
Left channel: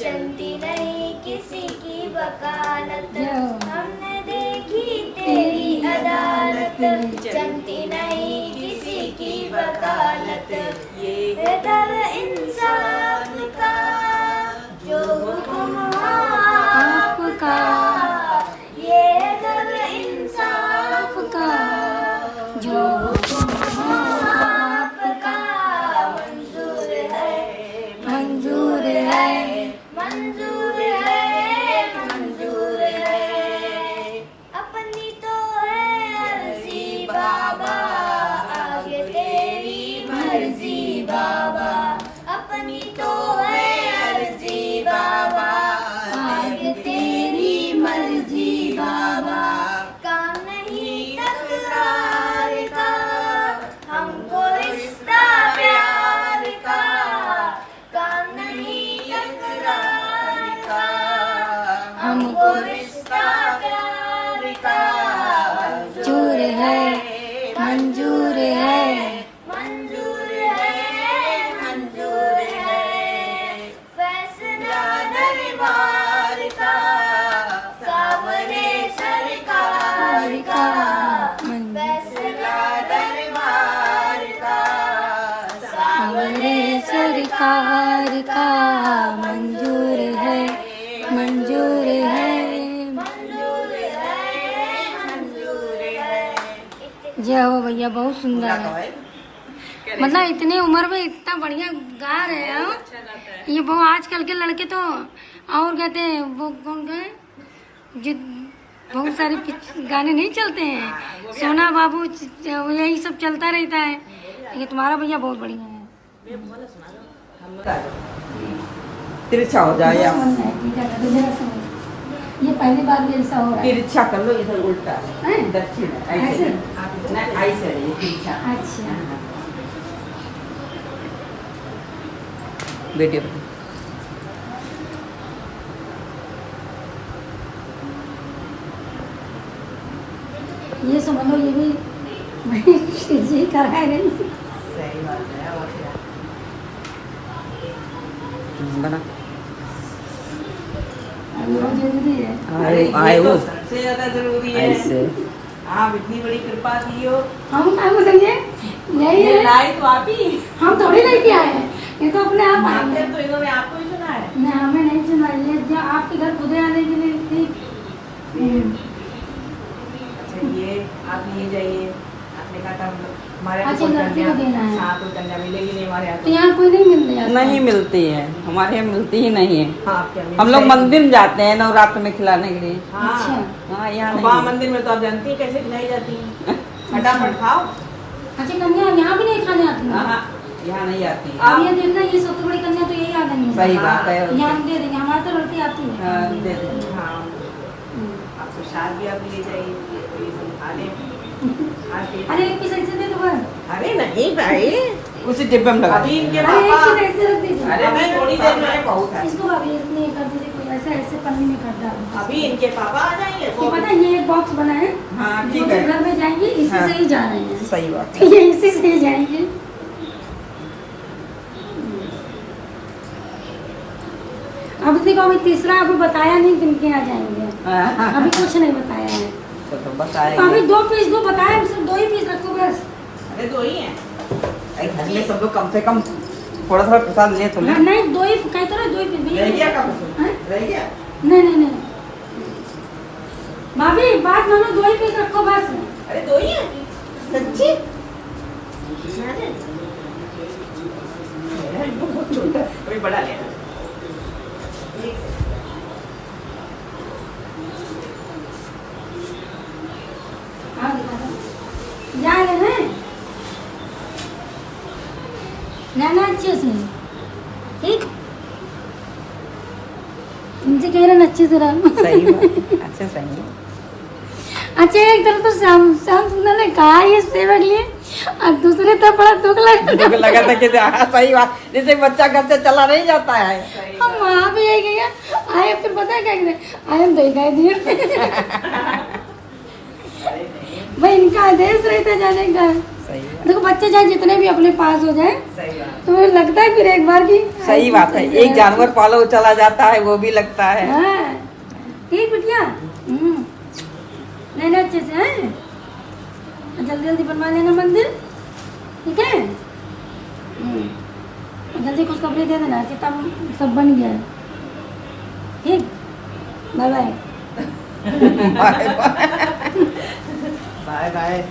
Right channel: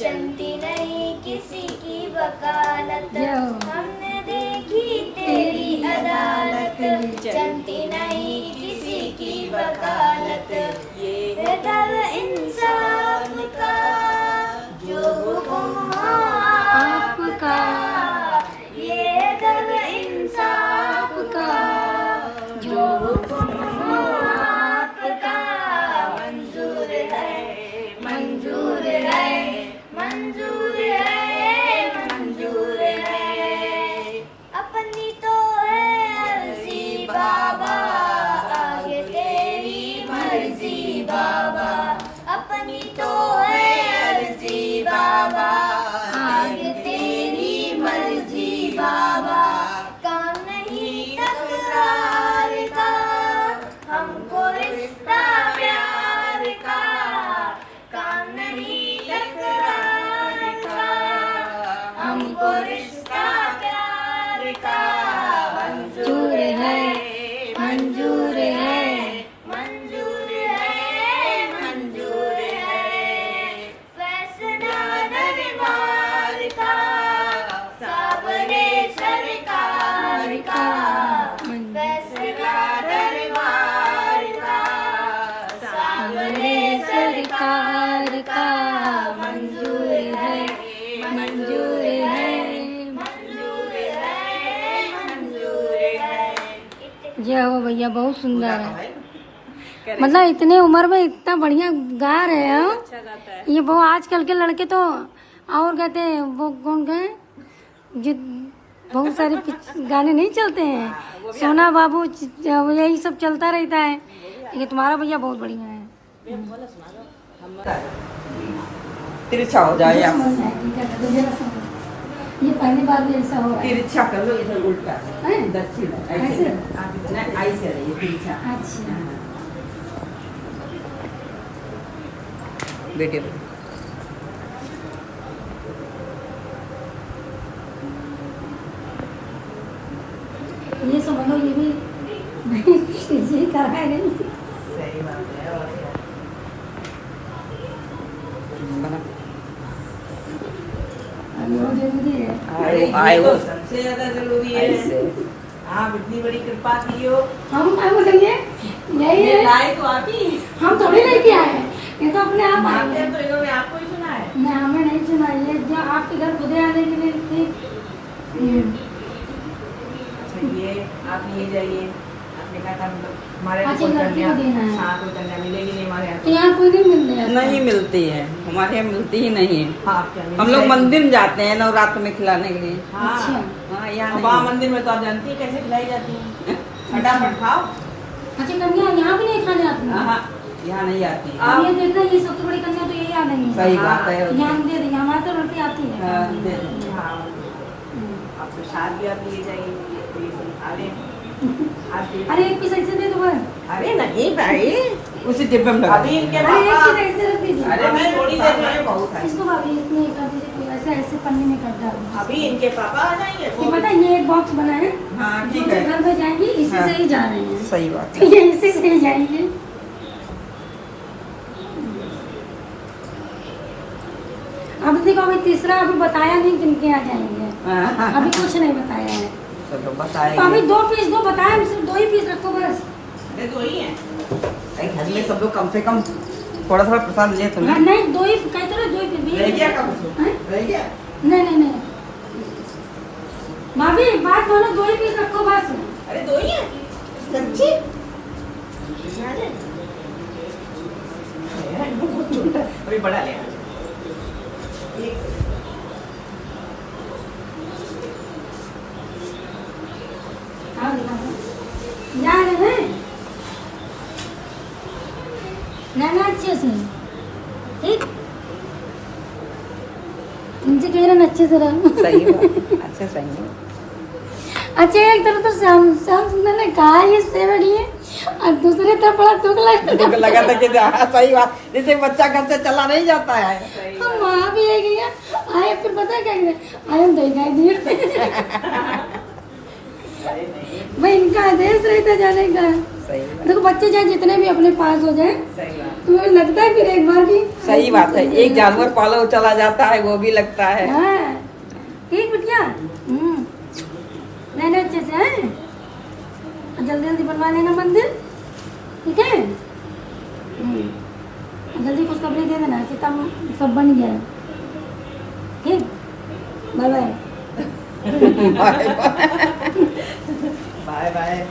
चलती नहीं किसी की वकालत। हमने देखी तेरी अदालत चलती नहीं किसी की वकालत। ये दर इंसाफ का जो हुक्म हो आपका, ये दर इंसाफ का जो हुक्म हो आपका। मंजूर है मंजूर है मंजूर है मंजूर है। अपनी तो है अर्जी बाबा आगे तेरी मर्जी बाबा। अपनी तो है अर्जी बाबा आगे तेरी मर्जी बाबा। काम नहीं तकरार का हमको रिश्ता प्यार का। काम नहीं तकरार का हमको रिश्ता प्यार का। मंजूर है मंजूर है। मंजूर है मंजूर है। फैसला दरबार का सावरे सरकार का। फैसला दरबार का सावरे सरकार का मंजूर है मंजूर है। मंजूर है मंजूर है। जय हो भैया, बहुत सुंदर है। मतलब इतने उम्र में इतना बढ़िया गा रहे हो। ये वो आजकल के लड़के तो और कहते हैं वो कौन कहे जो बहुत सारे गाने नहीं चलते हैं, सोना बाबू यही सब चलता रहता है। लेकिन तुम्हारा भैया बहुत बढ़िया है। तिरछा हो जाए या ये पहली बार भी ऐसा हो रहा है। तिरछा कर लो, इधर उल्टा हैं? दक्षिण ऐसे? ऐसे नहीं ऐसे रहिए तिरछा। अच्छा बेटे ये समझ लो ये भी जी कराए नहीं। सही बात है। और क्या बहुत जरूरी है। अरे ये तो सबसे ज्यादा जरूरी है। आप इतनी बड़ी कृपा की हो। हम क्या बोलेंगे यही ये है, लाए तो आप ही। हम थोड़ी नहीं किया है, ये तो अपने आप आए आपने हैं। तो इन्होंने आपको ही सुना है। नहीं हमें नहीं सुना, ये जो आपके घर खुदे आने के लिए थी। अच्छा ये आप लिए जाइए। आपने कहा था मतलब हमारे यहाँ अच्छा, कोई लड़की को कन्या- देना है। हाँ कोई कन्या मिलेगी नहीं हमारे यहाँ तो यहाँ कोई नहीं मिलते हैं नहीं मिलती है, हमारे यहाँ मिलती ही नहीं है। हाँ आप क्या हम लोग मंदिर जाते हैं नवरात्र में खिलाने के लिए। हाँ अच्छा हाँ, यहाँ अब नहीं। वहाँ मंदिर में तो आप जानती हैं कैसे खिलाई जाती है। फटाफट खाओ। अच्छा, कन्या यहाँ भी नहीं खाने आती है। हाँ, यहाँ नहीं आती है। अब ये देखना, ये सबसे बड़ी कन्या तो यही आ गई है। सही हाँ, बात है। यहाँ हम दे देंगे, हमारे तो लड़की आती है। हाँ, दे दो। हाँ आप प्रसाद भी आप लिए जाइए तो ये सब खा लें। आप ये- अरे एक पीस ऐसे दे दो बस। अरे नहीं भाई उसी डिब्बे में लगा अभी इनके अरे एक पापा पीस ऐसे रख दीजिए। अरे मैं थोड़ी देर में बहुत है। इसको भाभी इसमें कर दीजिए, कोई ऐसे ऐसे पन्नी में कर डाल। अभी इनके पापा आ जाएंगे ये पता है, ये एक बॉक्स बना है, हाँ जो ठीक कि है, घर में जाएंगे इसी हाँ। से ही जा रहे हैं। सही बात तो ये इसी से ही जाएंगे। अब देखो, अभी तीसरा अभी बताया नहीं किन के आ जाएंगे, है। अभी कुछ नहीं बताया है। चलो तो अभी बताएंगे। 2 पीस दो बताया, हम सिर्फ 2 ही पीस रखो बस। अरे दो ही हैं। अरे घर में सब लोग कम से कम थोड़ा थोड़ा प्रसाद ले तो हाँ, लें। नहीं 2 ही कहते रहो, 2 ही पीस रह गया भैया। कब उसमें? हैं? रह गया नहीं नहीं नहीं भाभी, बात बोलो, 2 ही पीस रखो बस। अरे दो ही हैं सच्ची। बहुत छोटा अभी बड़ा लेना। हाँ, दिखा दो। जा रहे हैं रहना अच्छे से, ठीक। इनसे कह रहे हैं अच्छे से रहो। सही है, अच्छे सही है। अच्छा, एक तरफ तो श्याम सुंदर ने कहा ये सेवक लिए, और दूसरे तरफ बड़ा दुख लगा। मुझे लगा था कि हाँ, सही बात, जैसे बच्चा घर से चला नहीं जाता है। हम वहाँ भी यही गया आए, फिर पता है क्या कहते, आए हम दिखाई दिए। भाई इनका आदेश रहता जाने का। सही देखो, बच्चे चाहे जितने भी अपने पास हो जाए, सही बात। तो लगता है फिर एक बार की। सही बात है, एक जानवर पालो चला जाता है वो भी लगता है। हाँ, ठीक बिटिया। नहीं अच्छे से हैं, और जल्दी जल्दी बनवा लेना मंदिर, ठीक है। और जल्दी खुशखबरी दे देना कि तब सब बन गया है, ठीक। Bye bye. Bye bye.